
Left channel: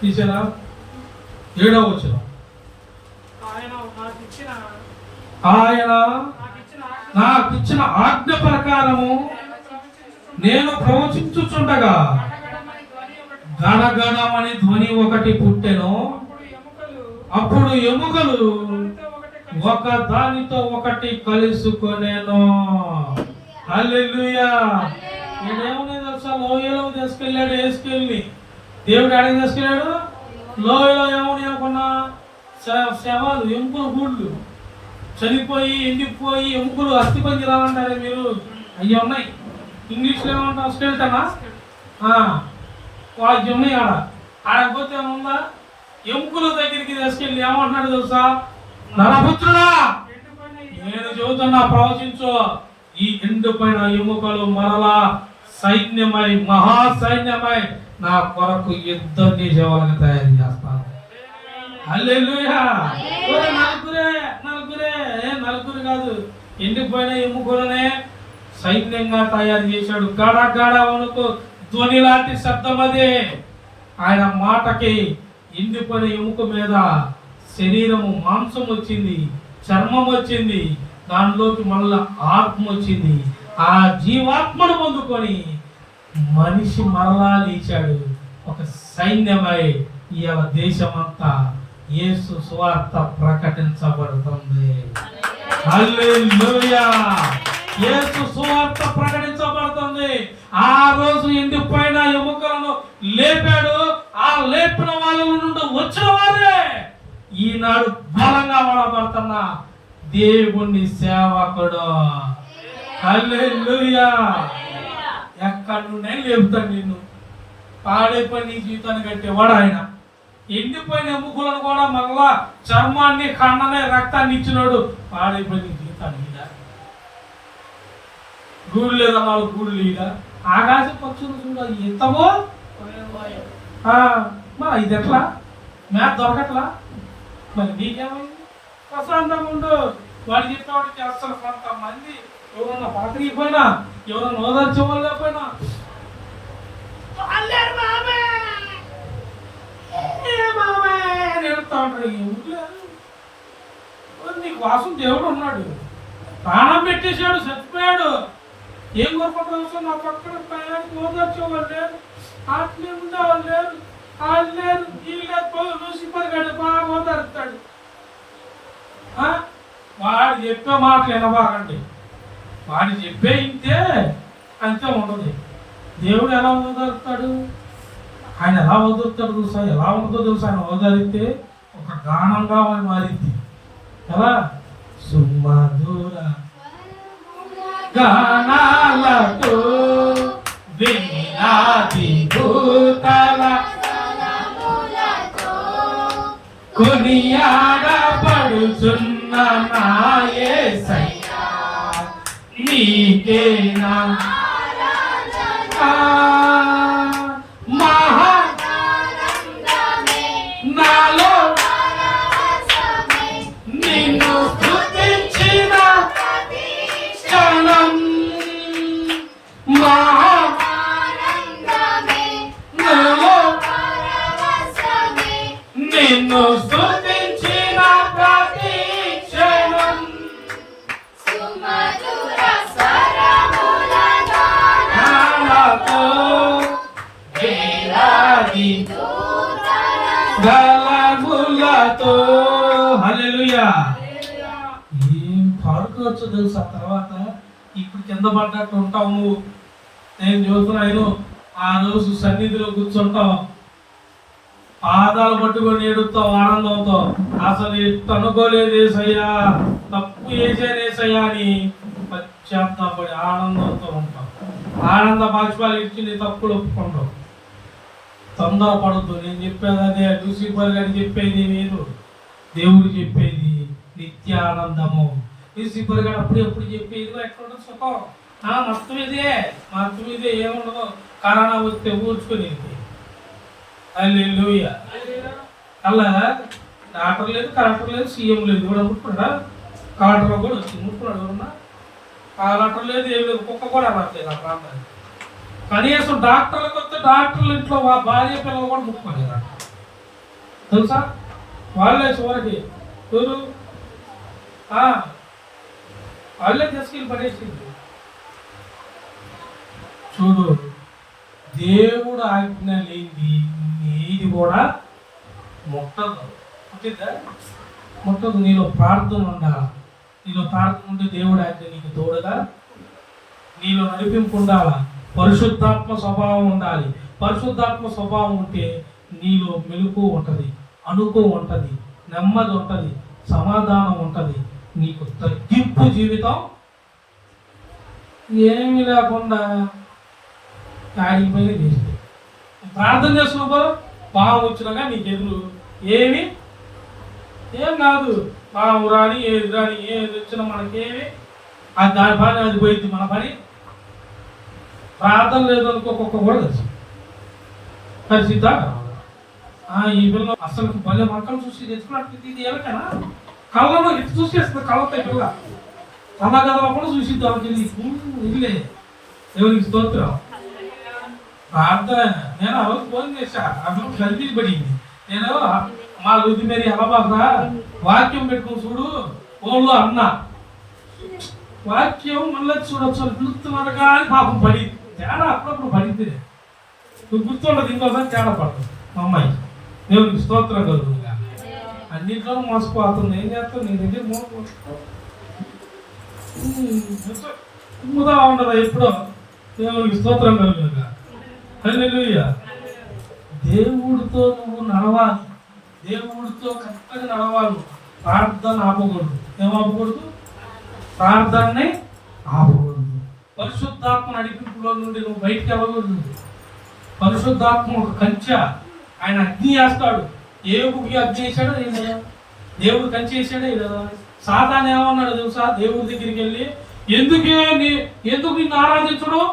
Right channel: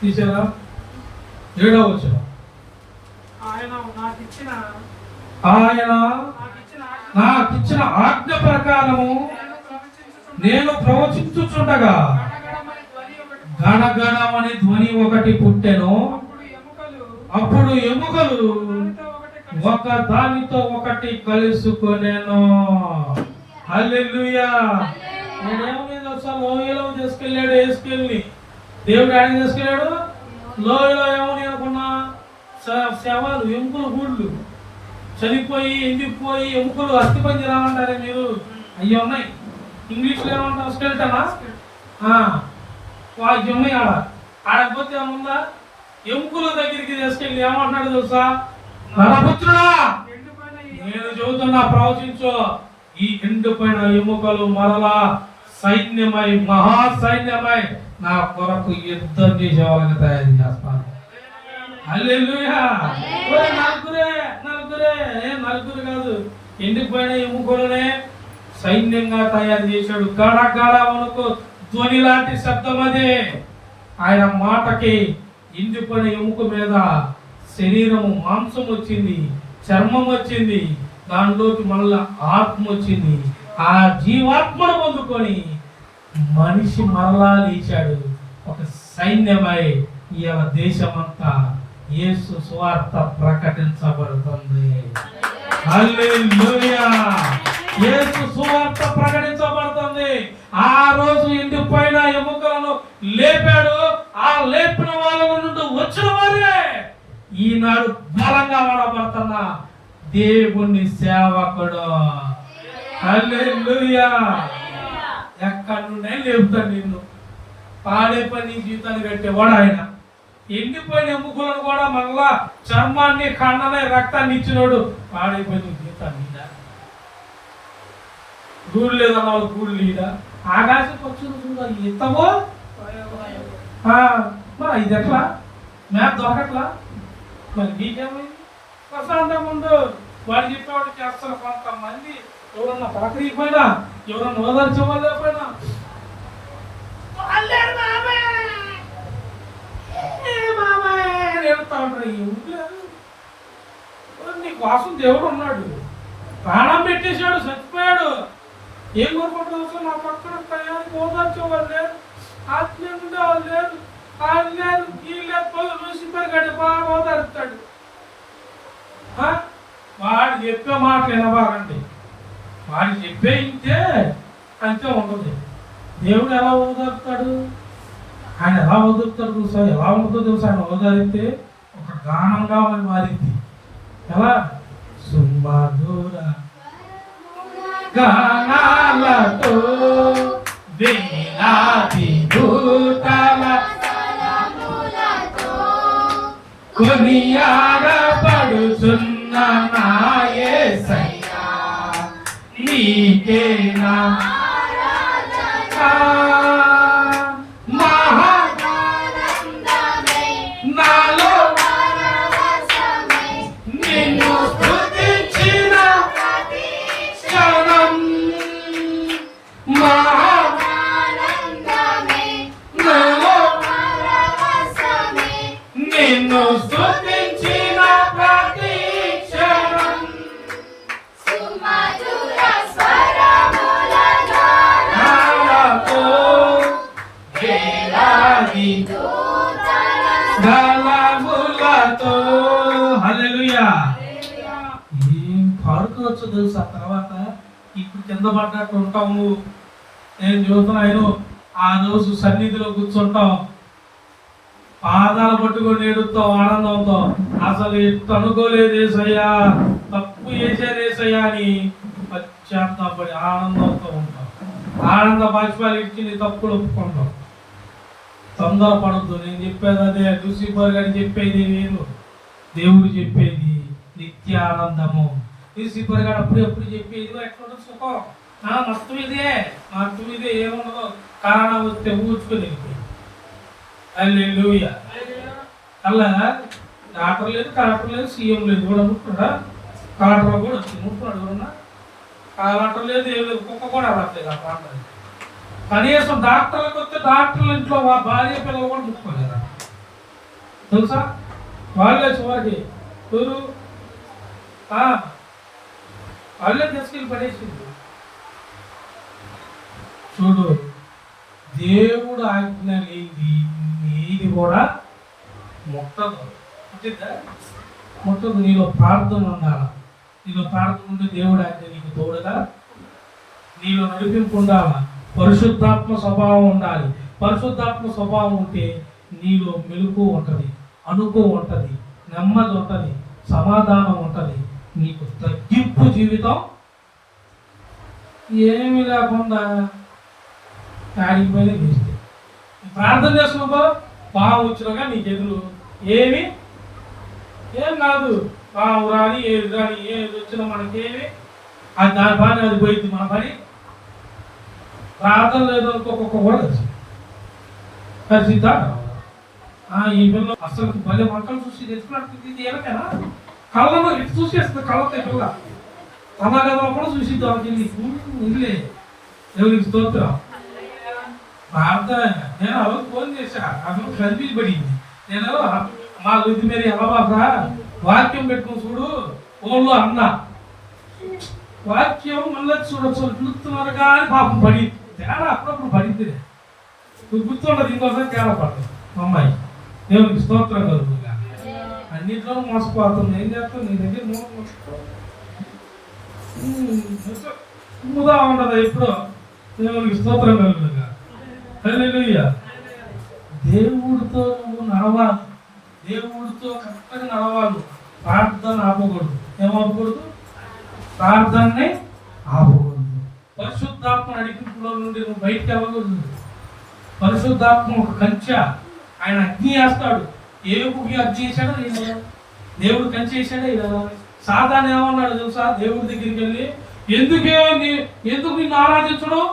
తీసారా? 7వ వచనం. ఆయన నాకిచ్చిన ఆజ్ఞ ప్రకారము నేను ప్రవచించుచుండగా గణగణమని ధ్వని ఒకటి పుట్టెను. అప్పుడు ఎముకలు ఒక దానితో ఒకటి కలుసుకొనేను. హల్లెలూయా. నేనేమని తెలుసా, లోయలో తీసుకెళ్ళాడు యెహెజ్కేలుని. దేవుడు ఆడికి తీసుకెళ్ళాడు లోయలో. ఏమని అనుకున్నా, శవాలు, ఎముకలు, గూళ్ళు చనిపోయి ఎండిపోయి ఎముకలు అస్థిపంజరాలు అంటారే మీరు, అవి ఉన్నాయి. ఇంగ్లీష్లో ఏమంటాం? స్కెల్టనా? వాటి ఉన్నాయి. ఆడపోతే ఏముందా, ఎముకల దగ్గరికి తీసుకెళ్ళి ఏమంటున్నాడు తెలుసా, నరపుత్రుడా నేను చెబుతున్నా ప్రవచించు, ఈ ఎండిపోయిన ఎముకలు మరలా సైన్యమై మహాసైన్యమై నా కొరకు యుద్ధం చేసే వాళ్ళని తయారు చేస్తాను. హల్లెలూయా. నలుగురు కాదు, ఎండిపోయిన ఎముకలనే సైన్యంగా తయారు చేశాడు. గడగడ వణుకు ధ్వని లాంటి శబ్దం అదే. ఆయన మాటకి ఎండిపోయిన ఎముక మీద శరీరము, మాంసం వచ్చింది, చర్మం వచ్చింది, దానిలోకి మళ్ళా ఆత్మ వచ్చింది. ఆ జీవాత్మను పొందుకొని మనిషి మరలా లేచాడు. ఒక సైన్యమై ఈ దేశమంతా యేసు సువార్త ప్రకటించబడుతుంది. హల్లెలూయా. యేసు సువార్త ప్రకటించబడుతుంది. ఆ రోజు ఎండిపోయిన ఎముకలను లేపాడు. ఆ లేపిన వాళ్ళ నుండి వచ్చిన వారే ఈనాడు బలంగా వాడబడుతున్న దేవుని సేవకుడు. హల్లెలూయా. ఎక్కడి నుండే లేపుతాడు నిన్ను. పాడైపోయి నీ జీవితాన్ని కట్టేవాడు ఆయన. ఎండిపోయిన ఎముకలను కూడా మళ్ళా చర్మాన్ని, కన్ననే, రక్తాన్ని ఇచ్చినాడు. పాడైపోయి నీ జీవితాన్ని గూడు లేదన్నావు, గూడు లేదా? ఆకాశ పక్షులు చూడాలి ఎంతమో. మరి ఇది ఎట్లా? మ్యాప్ దొరకట్లా? మరి నీకేమైంది? ప్రశాంతంగా ఉండు. వాడు చెప్పేవాడికి అసలు కొంతమంది ఎవరన్నా పలకరిపోయినా, ఎవరన్నా ఓదార్చేవాళ్ళైపోయినా నీ కోసం దేవుడు ఉన్నాడు. ప్రాణం పెట్టేశాడు, చచ్చిపోయాడు. ఏం కోరుకుంటున్నావు? నా పక్కన ప్రయాణికి ఓదార్చేవాళ్ళు లేరు, ఆత్మీయ ఉండేవాళ్ళు లేరు, వాళ్ళు లేరు, ఈ లేదు. లూసిఫర్ బాగా ఓదారుతాడు. వాడు చెప్పే మాటలు వినబాగండి. వాడు చెప్పే ఇంతే అంతే ఉండదు. దేవుడు ఎలా ఓదారుతాడు? ఆయన ఎలా ఓదారుతాడు తెలుసా? ఎలా ఉంటుందో తెలుసా? ఆయన ఓదారితే ఒక గానంగా మారింది. ఎలా? సుమధుర గానాలతో వినాది భూతల కొనియాడబడుచున్న నా యేసయ్యా, నీకే నా నాలో నిన్ను స్తుతించిన క్షణం నాలో నిన్ను స్తుతించిన ప్రతి క్షణం నాలతో వేలాది గలములతో. హల్లెలూయా. ఏం పాడుకోవచ్చు తెలుసా? తర్వాత ఇప్పుడు కింద పడ్డట్టు ఉంటావు నువ్వు. నేను చూస్తున్నాను, ఆ రోజు సన్నిధిలో కూర్చుంటావు, పాదాలు పట్టుకొని ఏడుస్తావు ఆనందంతో. అసలు ఇట్టు అనుకోలేదు ఏసయ్యా, తప్పు చేశాను ఏసయ్యా అని పశ్చాత్తాపడి ఆనందంతో ఉంటావు. ఆనంద బాష్పాలు ఇచ్చి నీ తప్పులు ఒప్పుకుంటావు. తొందరపడద్దు. నేను చెప్పేది అదే. లూసిఫర్ గారు చెప్పేది వేరు, దేవుడు చెప్పేది నిత్య ఆనందము. లూసిఫర్ గారు అప్పుడు చెప్పేది ఎక్కడ సుఖం, మొత్తం ఇదే ఏముండదు. కరోనా వస్తే ఊడ్చుకుని హల్లెలూయా. అలా డాక్టర్ లేదు, కలెక్టర్ లేదు, సీఎం లేదు, కూడా ముట్టుకున్నాడా? కలెక్టర్ కూడా వచ్చింది, ముట్టుకున్నాడు. ఎవరన్నా కలెక్టర్ లేదు, ఏం లేదు, కుక్క కూడా రాలేదు ఆ ప్రాంతానికి. కనీసం డాక్టర్లకు వస్తే డాక్టర్ల ఇంట్లో భార్య పిల్లలు కూడా ముట్టుకోలేదు తెలుసా? వాళ్ళే చివరికి ఎవరు వాళ్ళే తీసుకెళ్ళి పడేసింది. చూడు, దేవుడు ఆజ్ఞ లేనిది ఏది కూడా ముట్టదు. ముట్టదు. నీలో ప్రార్థన ఉండాలి. నీలో ప్రార్థన ఉంటే దేవుడు ఆజ్ఞ నీకు తోడుగా, నీలో నడిపింపు ఉండాలి. పరిశుద్ధాత్మ స్వభావం ఉండాలి. పరిశుద్ధాత్మ స్వభావం ఉంటే నీలో మెలుకు ఉంటుంది, అనుకో ఉంటుంది, నెమ్మది ఉంటుంది, సమాధానం ఉంటుంది. నీకు తగ్గింపు జీవితం ఏమీ లేకుండా ఆడికి పని తీస్తుంది. ప్రార్థన చేసుకోబో, పాము వచ్చినాక నీకు ఎదురు ఏం కాదు. పాము రాని ఏది రాని ఏది వచ్చినా మనకేమి అది దాని పని అది పోయింది. మన పని ప్రార్థన లేదనుకోక కూడా కలిసిద్దా? ఈ పిల్ల అసలు భలే వంటలు చూసి తెచ్చుకున్నట్టు ఇది ఎవరికైనా కళ్ళలో ఇటు చూసేస్తుంది. కళ్ళతో పిల్ల కథా కథలో కూడా చూసిద్ది. వాళ్ళకి ఇల్లే దేవునికి స్తోత్రం. ప్రార్థన నేను ఆ రోజు ఫోన్ చేశా, అసలు కలిపి పడింది. నేను మా వృద్ధి మీద ఎలా వాక్యం పెట్టుకుని చూడు ఓళ్ళు అన్నా, వాక్యం మళ్ళీ చూడొచ్చు పిలుస్తున్నారు కానీ పాపం పడి తేడా అప్పుడప్పుడు పడింది. నువ్వు గుర్తుండదు, ఇంకోసారి తేడా పడదు. మా అమ్మాయి దేవునికి స్తోత్రం కలుగుతుందిగా. అన్నింటిలో మోసపోతుంది. ఏం చేస్తావు? నీ దగ్గర మూదా ఉండదు ఎప్పుడో. దేవునికి స్తోత్రం కలుగుతుందిగా. హల్లెలూయా. దేవుడితో నువ్వు నడవాలి, దేవుడితో కరెక్ట్గా నడవాలి. ప్రార్థన ఆపకూడదు. ఏం ఆపకూడదు? ప్రార్థనని ఆపకూడదు. పరిశుద్ధాత్మ నడిపింపులో నుండి నువ్వు బయటికి వెళ్ళకూడదు. పరిశుద్ధాత్మ ఒక కంచె, ఆయన అగ్ని వేస్తాడు. ఏవుకి అగ్ని వేసాడో లేదా, దేవుడు కంచె వేసాడే లేదా. సాతాను ఏమన్నాడు తెలుసా, దేవుడి దగ్గరికి వెళ్ళి ఎందుకు నిన్ను ఆరాధించడం,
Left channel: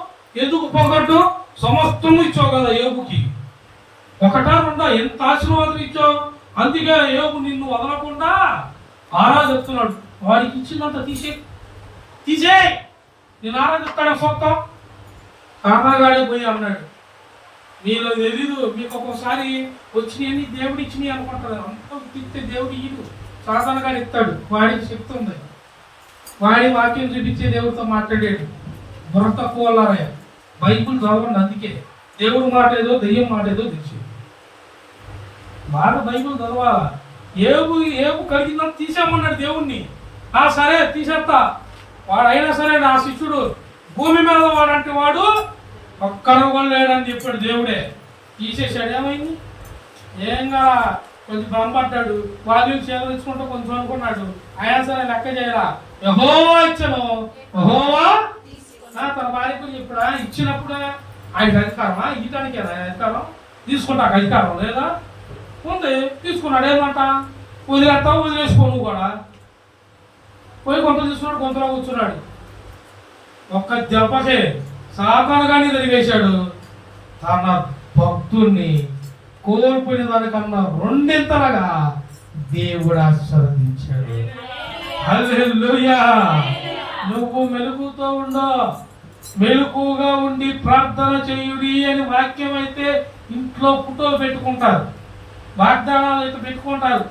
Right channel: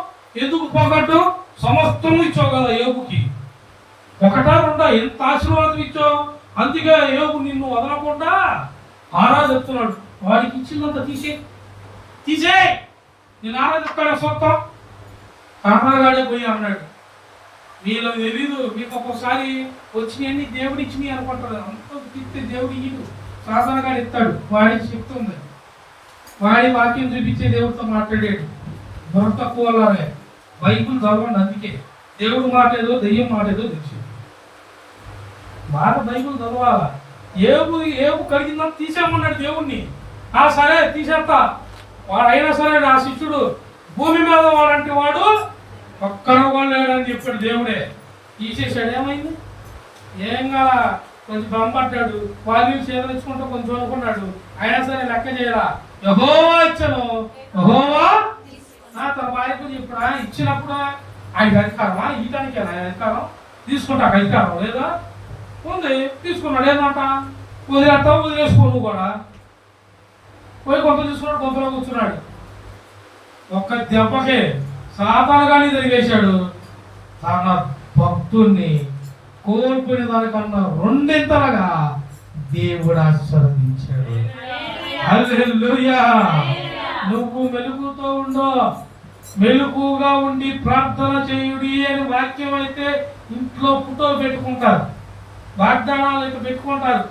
ఎందుకు పొగట్టం, సమస్తము ఇచ్చావు కదా ఏవుకి, ఒకటా రెండా ఎంత ఆశీర్వాదం ఇచ్చావు, అందుకే ఏవు నిన్ను వదలకుండా ఆరాధిస్తున్నాడు. వాడికి ఇచ్చినంత తీసే నేను ఆరాధిస్తాడు సొంతం. కాకాగాడే పోయి అన్నాడు, మీలో తెలీదు, మీకు ఒక్కోసారి వచ్చినాయని దేవుడు ఇచ్చినాయి అనుకుంటారు, అంత తిప్పితే దేవుడు ఇయ్యడు, సాధనగాడు ఇస్తాడు. వాడికి చెప్తుంది, వాడి వాక్యం చూపించే దేవుడితో మాట్లాడాడు. బుర్ర తక్కువ బైబుల్ చదవండి, అందుకే దేవుడు మాట ఏదో దెయ్యం మాట ఏదో తెలిసింది. బాగా బైబుల్ చదవాలా. ఏవు కలిగిందని తీసేమన్నాడు దేవుణ్ణి. సరే తీసేస్తా, వాడైనా సరే ఆ శిష్యుడు భూమి మీద వాడంటే వాడు ఒక్కడు కూడా లేడని చెప్పాడు దేవుడే. తీసేసాడు. ఏమైంది, ఏం కాదా, కొంచెం భ్రమపడ్డాడు, వాళ్ళు చేదరించుకుంటూ కొంచెం అనుకున్నాడు. అయినా సరే లెక్క చేయరా, యెహోవా ఇచ్చను, యెహోవా తన భార్యకు చెప్పాడు. ఇచ్చినప్పుడు ఆయన అధికారమా, ఇయటానికి ఆయన అధికారం, తీసుకుంటాక అధికారం లేదా, ఉంది, తీసుకున్నాడు. ఏమంట వదిలేసుకోను కూడా పోయి కొంత తీసుకున్నాడు, కొంతలో కూర్చున్నాడు. ఒక్క దెబ్బకే సాతానుగానే తిరిగేశాడు. తన భక్తుల్ని కోల్పోయిన దానికన్నా రెండింతలుగా దేవుడు ఆశీర్వదించాడు. హల్లెలూయా. నువ్వు మెలుగుతో ఉండో, మెలుగుగా ఉండి ప్రార్థన చేయుడి అని వాక్యం అయితే ఇంట్లో ఫోటో పెట్టుకుంటారు, వాగ్దానాలు అయితే పెట్టుకుంటారు.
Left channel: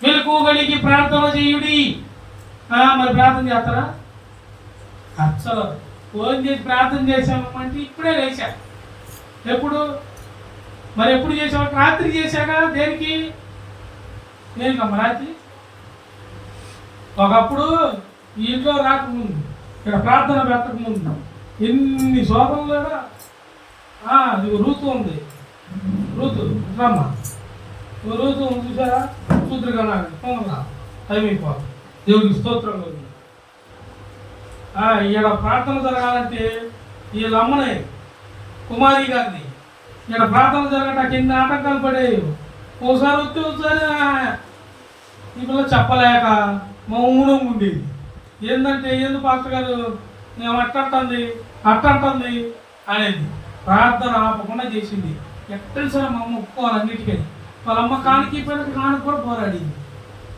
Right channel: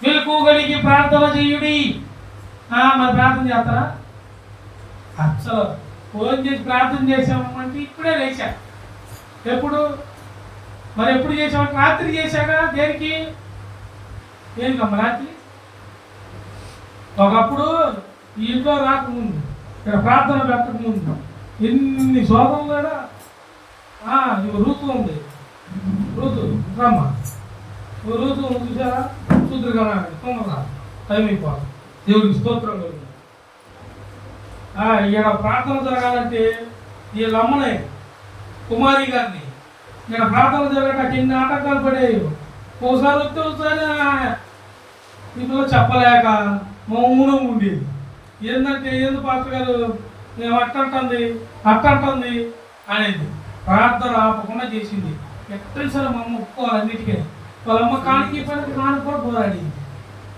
మెలుగు కలిగి ప్రార్థన చేయుడి. మరి ప్రార్థన చేస్తారా? అసలు ఫోన్ చేసి ప్రార్థన చేసామంటే ఇప్పుడే లేచా. ఎప్పుడు చేసాము? రాత్రి చేశాక. దేనికమ్మా రాత్రి? ఒకప్పుడు ఈ ఇంట్లో రాకముందు, ఇక్కడ ప్రార్థన పెట్టకముందు ఎన్ని శోభం లేడా. ఇది రూతు ఉంది, రూతు రమ్మ, రూతు చూసారా, శూద్రగా తొందరగా టైం అయిపోవాలి. దేవుడికి స్తోత్రం కలుగుతుంది. ఇక్కడ ప్రార్థన జరగాలంటే వీళ్ళ అమ్మనే కుమారి గారిని ఇక్కడ ప్రార్థన జరగటానికి ఎన్ని ఆటంకాలు పడేవి. ఒకసారి వచ్చి ఒకసారి ఈ పిల్ల చెప్పలేక మౌనం ఉండేది. ఏంటంటే ఏంది పాస్టర్ గారు మేము అట్టంటుంది అనేది. ప్రార్థన ఆపకుండా చేసింది. ఎట్టని సరే మా అమ్మ ఒప్పుకోవాలి అన్నిటికీ. వాళ్ళ అమ్మ కానికి నాన్నకు కూడా పోరాడింది.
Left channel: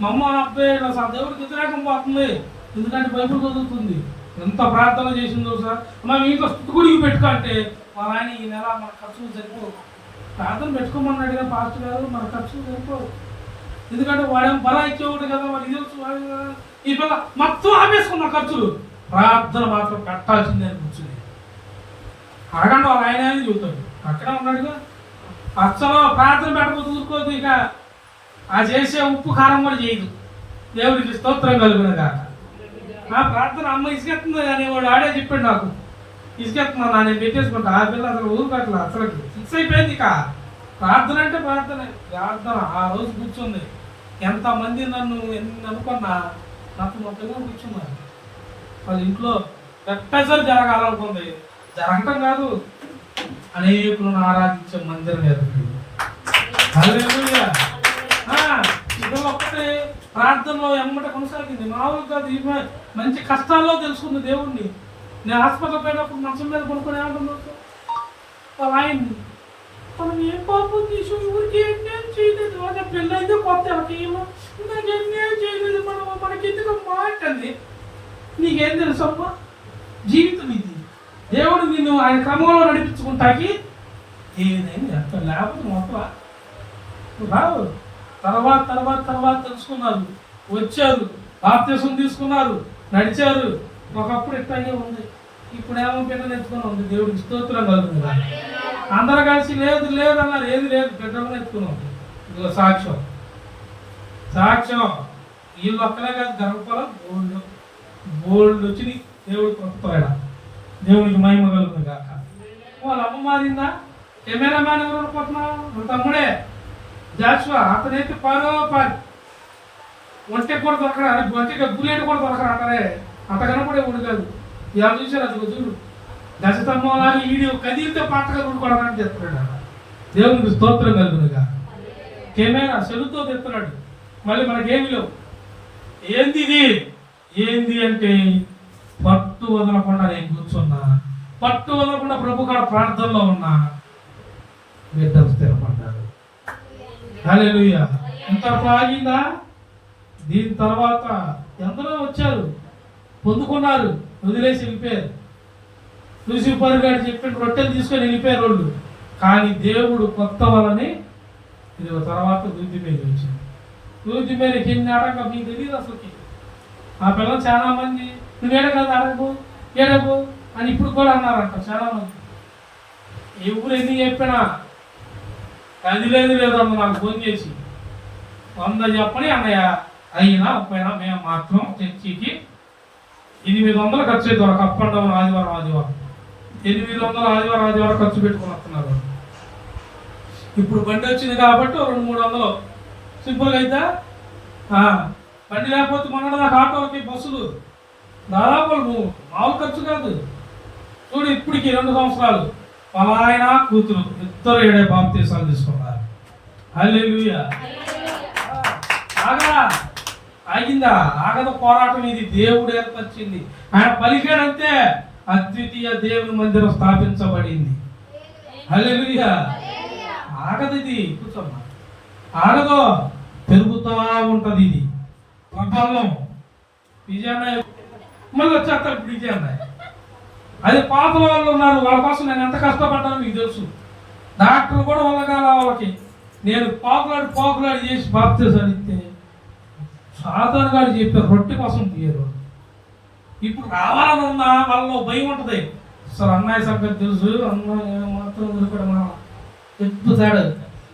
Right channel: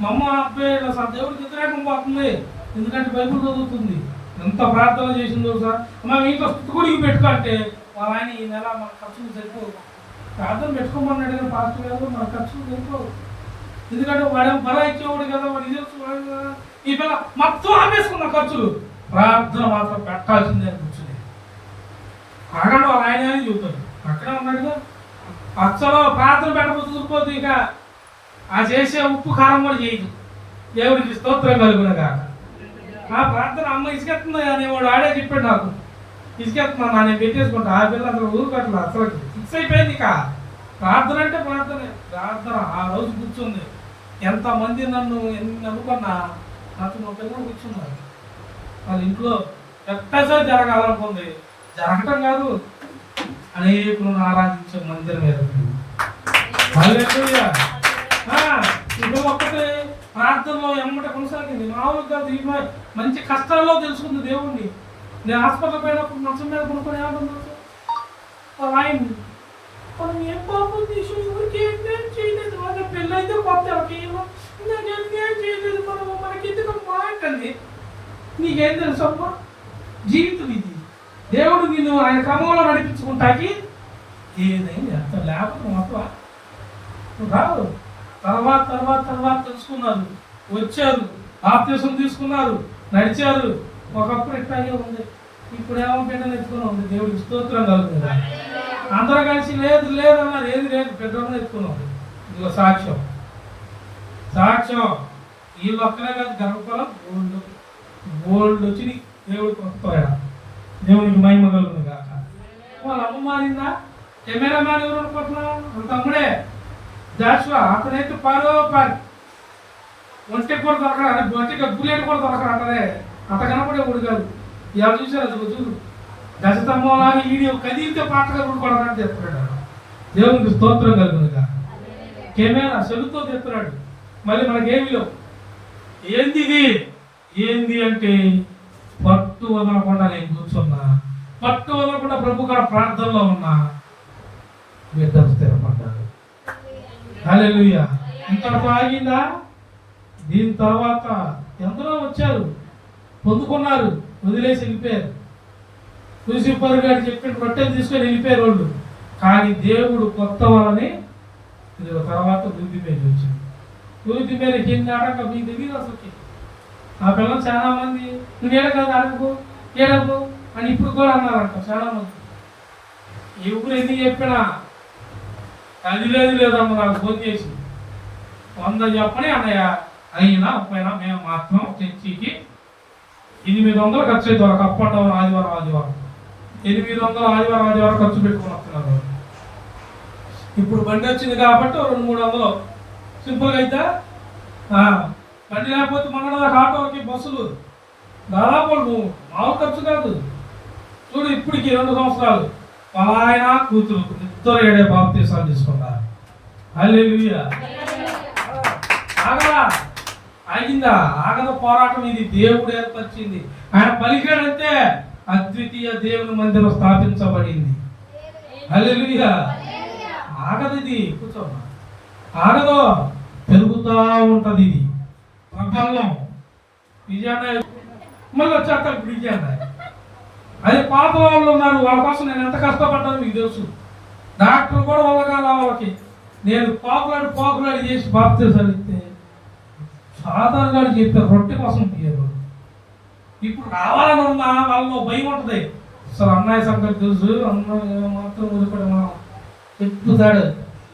మా అమ్మ అబ్బాయి అసలు దేవుడికి వ్యతిరేకం పోతుంది, ఎందుకంటే బైబుల్ చదువుతుంది. ఎంత ప్రార్థన చేసిందో సార్. మనం ఇంట్లో స్థుతిగుడికి పెట్టుకుంటే వాళ్ళ ఆయన ఈ నెల మన ఖర్చులు సరిపోవు. ప్రార్థన పెట్టుకోమన్నాడు కదా పాస్టర్ గారు, మన ఖర్చులు సరిపోవు. ఎందుకంటే వాడేమో బలా ఇచ్చేవాడు కదా, మరి ఇది ఈ పిల్ల మొత్తం ఆపేసుకున్న ఖర్చులు. ప్రార్థన మాత్రం పెట్టాల్సిందే అని కూర్చుని ఆగండి. వాళ్ళ ఆయన అని చెబుతాడు, అక్కడే ఉన్నాడుగా. అసలు ప్రార్థన పెట్టకపోతే ఊరుకోదు. ఇక ఆ చేసే ఉప్పు కారం కూడా చేయదు. దేవుడికి స్తోత్రం కలుగునుగా. నా ప్రార్థన అమ్మ ఇసుకెత్తుందో అనేవాడు ఆడే చెప్పాడు నాకు, ఇసుకెత్తున్నాను నేను పెట్టేసుకుంటా. ఆ పిల్ల అసలు ఊరు పెట్టలేదు, అసలు ఫిక్స్ అయిపోయింది. ఇక ప్రార్థన అంటే ప్రార్థన. ఆ రోజు కూర్చుంది. ఎంతమంది నన్ను ఎన్ని అనుకున్నా నాతో మా పిల్లలు కూర్చున్నారు. వాళ్ళ ఇంట్లో ఎక్కసారి జరగాలనుకుంది, జరగటం కాదు, అనేకులను ఆరాధించే మందిరం ఏర్పడింది. ఇప్పుడు ఒక్కటే ప్రార్థనలో ఎమ్మట కొనసాగింది. మామూలుగా కాదు, మంచి కష్టాల్లో తెలుసుకుంది దేవుణ్ణి. నేను హాస్పిటల్ పోయినప్పుడు మంచం మీద కొనుక్కొని ఏమంటున్నా వాళ్ళ ఆయన్ని, మనం ఏం పాపం తీసు ఊరికి ఏం చేయలేదు, వాళ్ళ పెళ్ళైతే కొత్త నాకేం చేయలేదు, మనకెందుకు మాటండి. నీకేం తెలుసమ్మా, జీవితం ఇది. దేవుడు నిన్ను ఆయన క్రమంలో నడిపించుకుంటాకి ఏదైనా ఎంత లేకపోతే మొత్తం రావు. తర్వాత తెలుసుకున్నారు, వచ్చారు, బాప్తిసం తీసుకున్నారు, నడిచారు. ఒకప్పుడు ఇట్లాగే ఉంది, ఇప్పుడు ఏమో బిడ్డను ఎత్తుకొని ఉంది. దేవుడికి స్తోత్రం కలుగుతుంది. అందరూ కలిసి లేదు అన్నారు, ఏది లేదు, బిడ్డను ఎత్తుకున్నాం. ఇదిగో సాక్ష్యం. వీళ్ళు ఒక్కనే కాదు, గర్భఫలం బోల్డ్ వచ్చి దేవుడు కొట్టుకోలేడా. దేవునికి మహిమ కలుగుతుంది కాక. వాళ్ళ అమ్మ మారిందా? కెమెరామ్యాన్ ఎవరు అనుకుంటున్నా? తమ్ముడే జాషువా. అతనైతే పారి ఒంటె కూడా దొరకడా, ఒంటిగా బుల్లెట్ కూడా దొరకడా అంటదే. అంత కనపడే ఊడు కాదు. ఇలా చూసారు, అది చూడు గజస్తంభం లాగా వీడియో కదిలితే పాటగా కొడడానికి తెస్తున్నాడు. దేవునికి స్తోత్రం కలుగునుగా. కెమెరా సెలుతో తెస్తున్నాడు. మళ్ళీ మనకేమి లేవు. ఏంది ఇది? ఏంది అంటే పట్టు వదలకుండా నేను కూర్చున్నా, పట్టు వదలకుండా ప్రభు గారు ప్రార్థనలో ఉన్నా, బిడ్డలు స్థిరపడ్డారు. హల్లెలూయా. ఇంతవరకు ఆగిందా? దీని తర్వాత ఎందరో వచ్చారు, పొందుకున్నారు, వదిలేసి వెళ్ళిపోయారు. లూసిఫర్ గారు చెప్పిన రొట్టెలు తీసుకొని వెళ్ళిపోయారు వాళ్ళు. కానీ దేవుడు కొత్త వాళ్ళని తర్వాత వృద్ధి మీద వచ్చింది. వృద్ధి మీద ఎన్ని ఆటంకం మీకు తెలియదు అసలుకి. ఆ పిల్లలు చాలా మంది నువ్వు ఏడగలదు, ఏడకు అని ఇప్పుడు కూడా అన్నారంట చాలా మంది. ఎవరు ఎన్ని చెప్పినా అది లేదమ్మ నాకు ఫోన్ చేసి 100 చెప్పని అన్నయ్య అయినా పోయినా మేము మాత్రం చర్చికి 800 ఖర్చు అవుతుంది. ఒక అప్ అండ్ డౌన్ ఆదివారం 800 ఆదివారం ఖర్చు పెట్టుకుని వస్తున్నారు. ఇప్పుడు బండి వచ్చింది కాబట్టి 200-300 సింపుల్గా అయితే. బండి లేకపోతే మన ఆటోకి బస్సులు దాదాపు మామూలు ఖర్చు కాదు. చూడు ఇప్పటికి 2 సంవత్సరాలు పలాయన కూతురు ఇద్దరు 7 బాప్తీసాలు తీసుకున్నారు. హల్లెలూయా. ఆగిందా? ఆగద పోరాటం ఇది దేవుడు ఏర్పరిచింది. ఆయన పలికాడంతే అద్వితీయ దేవుని మందిరం స్థాపించబడింది. హల్లెలూయా. ఆగదు ఇది, కూర్చోమ్మా. ఆగదు, పెరుగుతూ ఉంటది ఇది ప్రభావం. విజయన్న మళ్ళీ వచ్చేస్తా. ఇప్పుడు విజయన్న అదే పాత వాళ్ళు ఉన్నారు, వాళ్ళ కోసం నేను ఎంత కష్టపడ్డాను మీకు తెలుసు. డాక్టర్ కూడా వల్లగాల వాళ్ళకి నేను పాకులాడి చేసి బాప్తీసాలు ఇస్తే సాధారణ గారు చెప్పారు రొట్టె కోసం తీయరు. ఇప్పుడు రావాలని ఉన్నా వాళ్ళలో భయం ఉంటుంది. అసలు అన్నయ్య సంగతి తెలుసు, అన్నయ్య మాత్రం కూడా మనం చెప్పుతాడు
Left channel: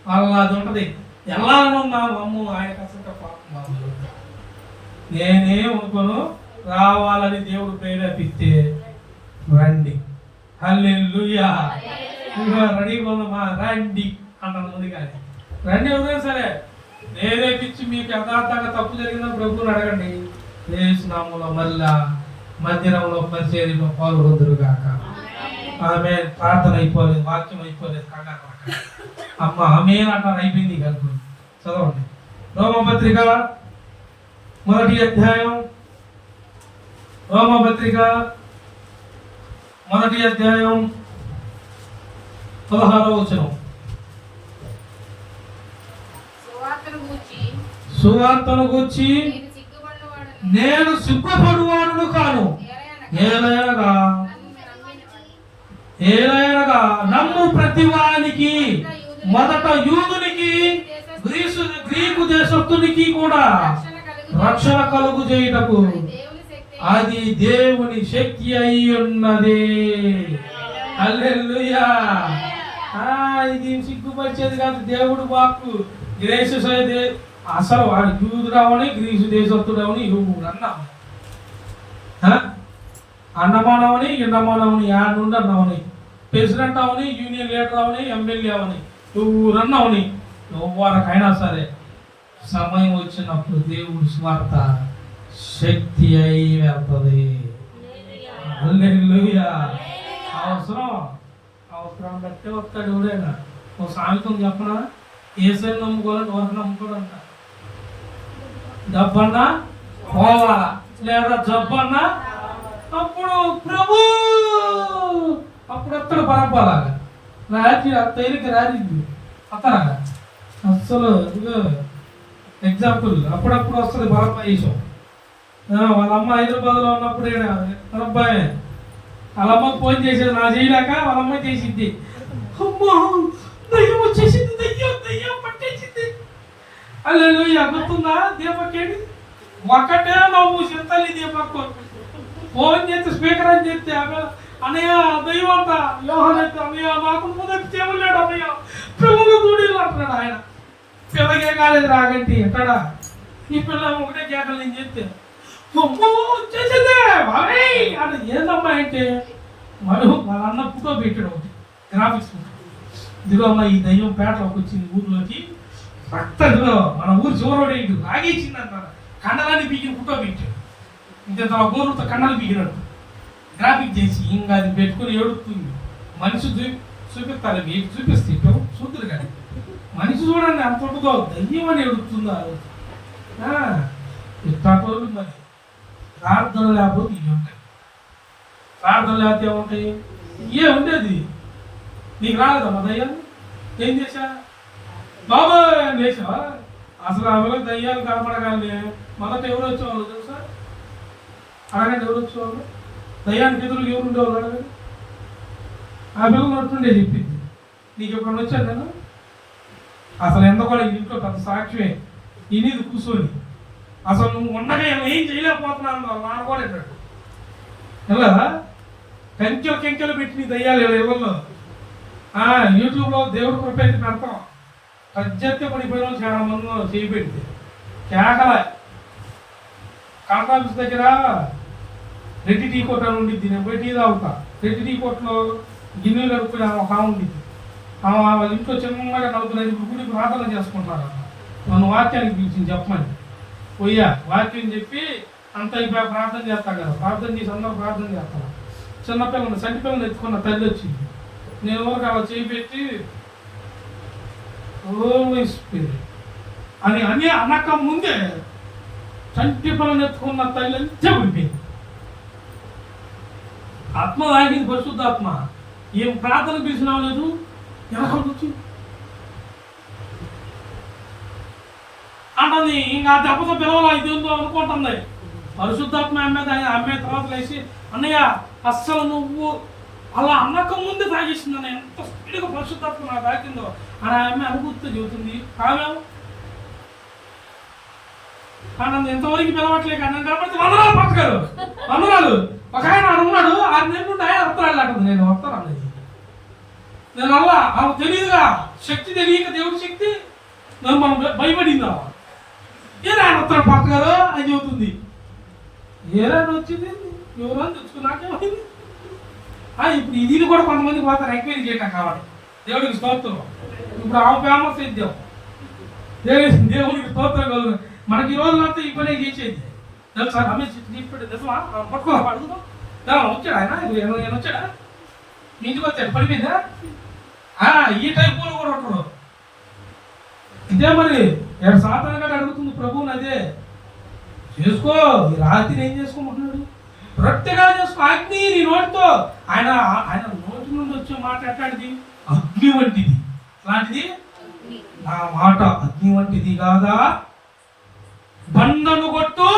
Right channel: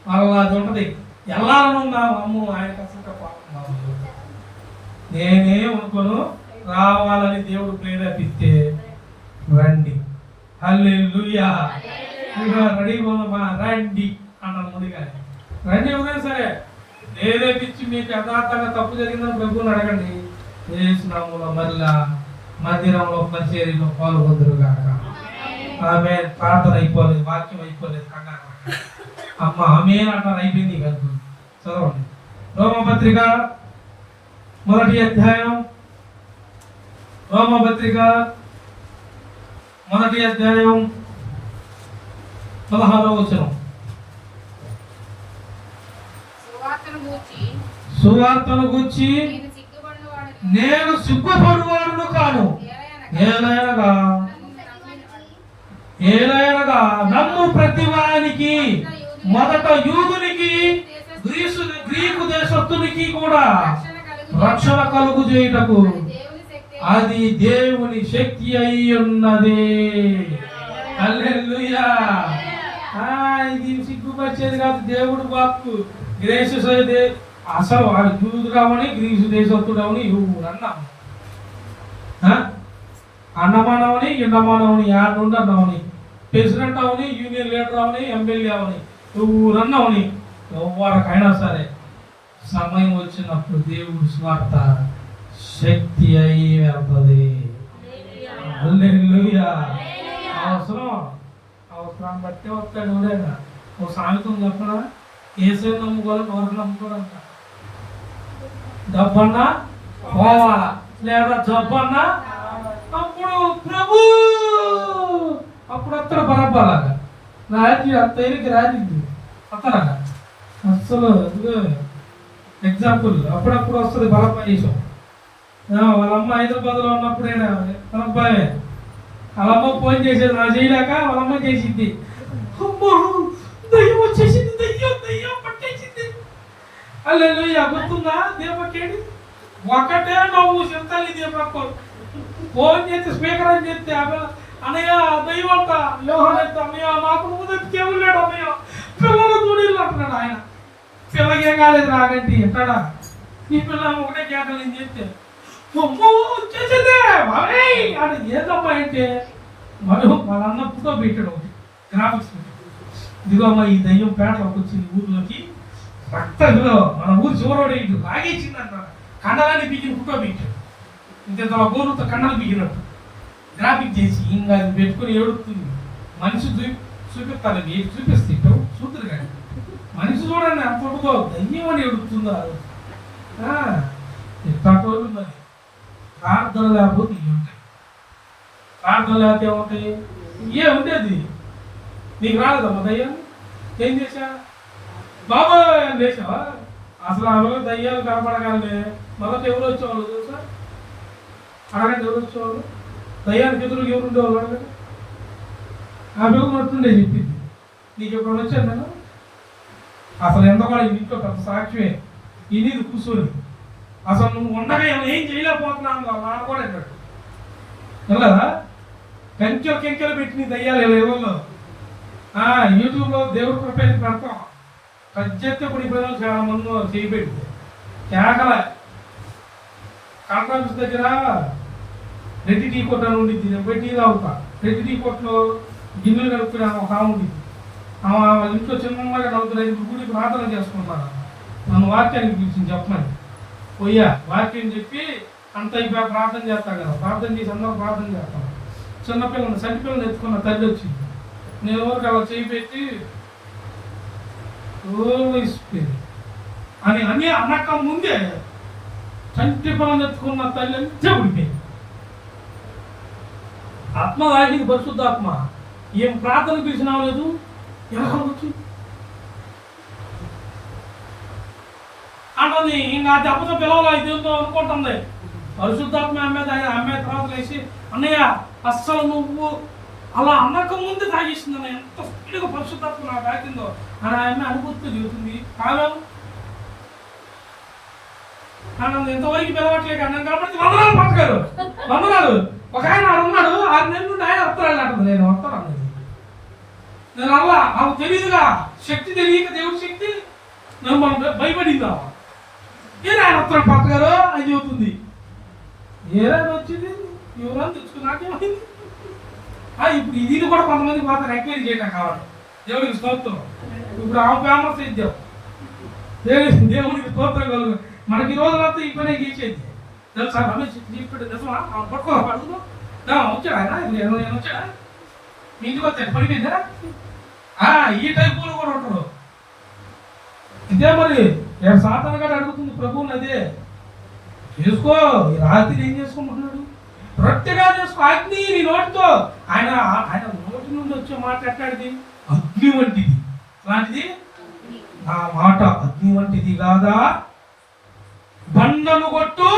వాళ్ళ అది ఉంటుంది. వెళ్ళాలని ఉన్నా అమ్మ ఆయనకి అసలు పాపం. నేనేమనుకోను, రావాలని దేవుడు ప్రేరేపిస్తే రండి. హల్లెలూయా. రెడీ రండి అంటాను ముందు. కానీ రండి ఎవరైనా సరే ప్రేరేపించి మీకు యథార్థంగా తప్పు జరిగిందని ప్రభువుని అడగండి. చేసినాములో మళ్ళా మందిరంలో పరిచర్యలో పాల్గొందరు కాక. ఆమె ప్రార్థన అయిపోలేదు, వాక్యం అయిపోలేదు, కంగారు అమ్మ ఆమె అంటారు. అయిపోయింది కనుక చదవండి. రోమపత్రిక 1వ అధ్యాయం, రోమపత్రిక 1వ అధ్యాయం 16వ వచనం. సువార్తను గూర్చి నేను సిగ్గుపడువాడును కాను, ఏలయనగా నమ్ము ప్రతివానికి, మొదట యూదునికి గ్రీకు దేశస్థునికి కూడా రక్షణ కలుగు చేయుటకు అది దేవుని శక్తి అయి ఉన్నది. హల్లెలూయా. ఇది సిగ్గుపరిచేది కాదు, దేవుడు వాక్కు. గ్రీసు అసలు వాడు యూదురావని గ్రీసు దేశస్తుడవని అన్నాము, అన్నమానవని ఇండమానవని, యాడ్ నుండి అన్నామని, ప్రెసిడెంట్ అవని, యూనియన్ లీడర్ అవని, ఎమ్మెల్యే అవని, ఊరన్నవని, ఎవరికైనా సరే సమయం వచ్చినప్పుడు దేవుడు స్వార్థ శక్తి అయి వెళ్తుంది. హల్లెలూయా. అవసరం బట్టే వస్తాడు ఎవడైనా. ఒక సామెతం చెప్పడా, ఏసైనా నమ్ముకోవాలని ఎవరికి నమ్ముకోడంట. డబ్బన్నా పోవాలా లేదా జబ్బన్నా అప్పుడు ప్రభు అప్పుడు వస్తాడు. బరబ్బాలాగా రాజు తేలిక రాజు అతలాగా అసలు ఎగ్జాంపుల్ అప్పుడప్పుడు వస్తుంది బరబ్బా వేసాం. వాళ్ళ అమ్మ హైదరాబాద్లో ఉన్నప్పుడు అబ్బాయి వాళ్ళ అమ్మకు ఫోన్ చేసేది, నా చేయలేక వాళ్ళ అమ్మ చేసింది. అమ్మో దయ్యం వచ్చేసింది, దయ్యం పట్టేసింది. హల్లెలూయా. గుర్తుందా? దీపకేడి ఒకటే నవ్వు చింతలి దీపకు ఫోన్ చేస్తే స్పీకర్ అని చెప్తే అన్నయ్య దయ్యం అంట యోహన్ అయితే అన్నయ్య నాకు ముందు చేయలేడు అన్నయ్య పిల్లలు దూడీలు అంటున్నాడు. ఆయన పిల్లగే కాలేదు రాగంటి ఎక్కడా ఈ పిల్ల ఒకటే కేకలు నేను చెప్తే వచ్చేసిందే అది ఏందమ్మా అంటే మనం వాళ్ళ అన్న ఫోటో పెట్టాడు ఒకటి గ్రాఫిక్స్. ఇదిగో అమ్మ ఈ దయ్యం పేటలోకి వచ్చింది ఊర్లోకి, రక్తంలో మన ఊరు చివరోడే ఇటు లాగేసింది అంట. కండలాన్ని పీకిన ఫోటో పెట్టాడు. ఇంత గోరుతో కండలు పీకినట్టు గ్రాఫిక్ చేసి ఇంకా అది పెట్టుకుని ఏడుతుంది. మనిషి చూపిస్తారు, మీకు చూపిస్తే చూద్దరు కానీ మనిషి చూడండి అంత ఉంటుందో, దయ్యం అని ఏడుతుందా ఇట్లాంటి మరి. ప్రార్థన లేకపోతే ఇవి ఉంటాయి. ప్రార్థన లేకపోతే ఏముంటాయి? ఇవే ఉండేది. నీకు రాలేదమ్మా దయ్యం? ఏం చేసా బాబా అని చేసావా? అసలు ఆమెలో దయ్యాలు కనపడగానే మొదట ఎవరు వచ్చేవాళ్ళు తెలుసా? అడగండి, ఎవరు వచ్చేవాళ్ళు? దయ్యానికి ఎదురు ఎవరు ఉండేవాళ్ళు అడగండి. ఆ పిల్లలు నట్టుండే చెప్పింది. నీకు ఎప్పుడు వచ్చాను నేను అసలు ఎందుకో ఇంట్లో పెద్ద సాక్ష్యమే ఇనిది కూర్చొని అసలు నువ్వు ఉండగా ఏం చేయలేకపోతున్నాను నానుకోలేనట్టు కదా. కంచెలు పెట్టి నీ దయ్యాలు ఎవరిలో యూట్యూబ్లో దేవుడి కృపేది పెడతాం. పద్దెత్తి పడి పిల్లలు చాలా మంది చేయబెట్టి కేకల కాంట్రాక్ట్స్ దగ్గర రెడ్డి టీ కొట్టు అని ఉండిద్ది. నేను పోయి టీ తాగుతా. రెడ్డి టీ కొట్టులో గిన్నెలు కడుక్కుని ఆమె ఒక ఆమె ఉండిద్ది. ఆమె వాళ్ళ ఇంట్లో చిన్నగా నవ్వుతున్నది. గుడికి ప్రార్థన చేసుకుంటున్నారు. నన్ను వాక్యానికి పిలిచింది చెప్పమని పోయా. వాక్యం చెప్పి అంత అయిపోయా ప్రార్థన చేస్తాను కదా. ప్రార్థన చేసి అందరూ ప్రార్థన చేస్తాను. చిన్నపిల్లని సంటి పిల్లలు ఎత్తుకున్న తల్లి వచ్చింది. నేను ఎవరికి అలా చేయి పెట్టి అని అని అన్నక ముందే చంటి పిల్లలు ఎత్తుకున్న తల్లి అంతే ఉడిపోయింది. ఆత్మ ఆగింది, పరిశుద్ధాత్మ. ఏం ప్రార్థన పిలిచినా లేదు, ఎలా వచ్చి అంటుంది. ఇంకా దెబ్బతో పిలవలా ఇదేందో అనుకుంటుంది. పరిశుద్ధాత్మ అమ్మే తర్వాత లేచి అన్నయ్య అస్సలు నువ్వు అలా అన్నక ముందే తాగేసింది అన్న, ఎంత స్పీడ్గా పరిశుద్ధాత్మ నాకు తాకిందో అని ఆమె అనుభూతితో చెబుతుంది. కాలేవు ఆనందం ఎంతవరకు పిలవట్లేదు అన్నం కాబట్టి వందనాలు పంచగారు వందనాలు. ఒక ఆయన ఉన్నాడు 6 నెలల నుండి ఆయన వస్తాడు అంటుంది. నేను వస్తాను అన్నది. నేను అలా ఆమె తెలియదుగా, శక్తి తెలియక దేవుడి శక్తి నన్ను మనం భయపడిందావా. ఏరా ఆయన వస్తాడు పంచగారు అని చెబుతుంది. ఏరా వచ్చింది ఎవరో తెచ్చుకున్నాకేమైంది. ఇప్పుడు ఇది కూడా కొంతమంది పోతారు ఎంక్వైరీ చేయడం కావాలి. దేవుడికి స్తోత్రం. ఇప్పుడు ఆమె ఫేమస్ ఇద్దాం. దేవుడికి స్తోత్రం కలుగు. మనకి ఈ రోజులంతా ఈ పనే చేసేది తెలుసా. రమేష్ చెప్పాడు తెలుసా, పట్టుకో అడుగుతాం. వచ్చాడు ఆయన, నేను వచ్చాడా మీ ఇంటికి వచ్చాడు పడిపోయిందా? ఈ టైపులో కూడా ఉంటాడు. ఇదే మరి సాతాను గారు అడుగుతుంది ప్రభువుని, అదే చేసుకో. ఈ రాత్రిని ఏం చేసుకోమంటున్నాడు? రొట్టెగా చేసుకో. అగ్ని నీ నోటితో. ఆయన ఆయన నోటి నుండి వచ్చే మాట ఎట్లాంటిది? అగ్ని వంటిది. అలాంటిది నా మాట అగ్ని వంటిది కాదా, బండలు కొట్టు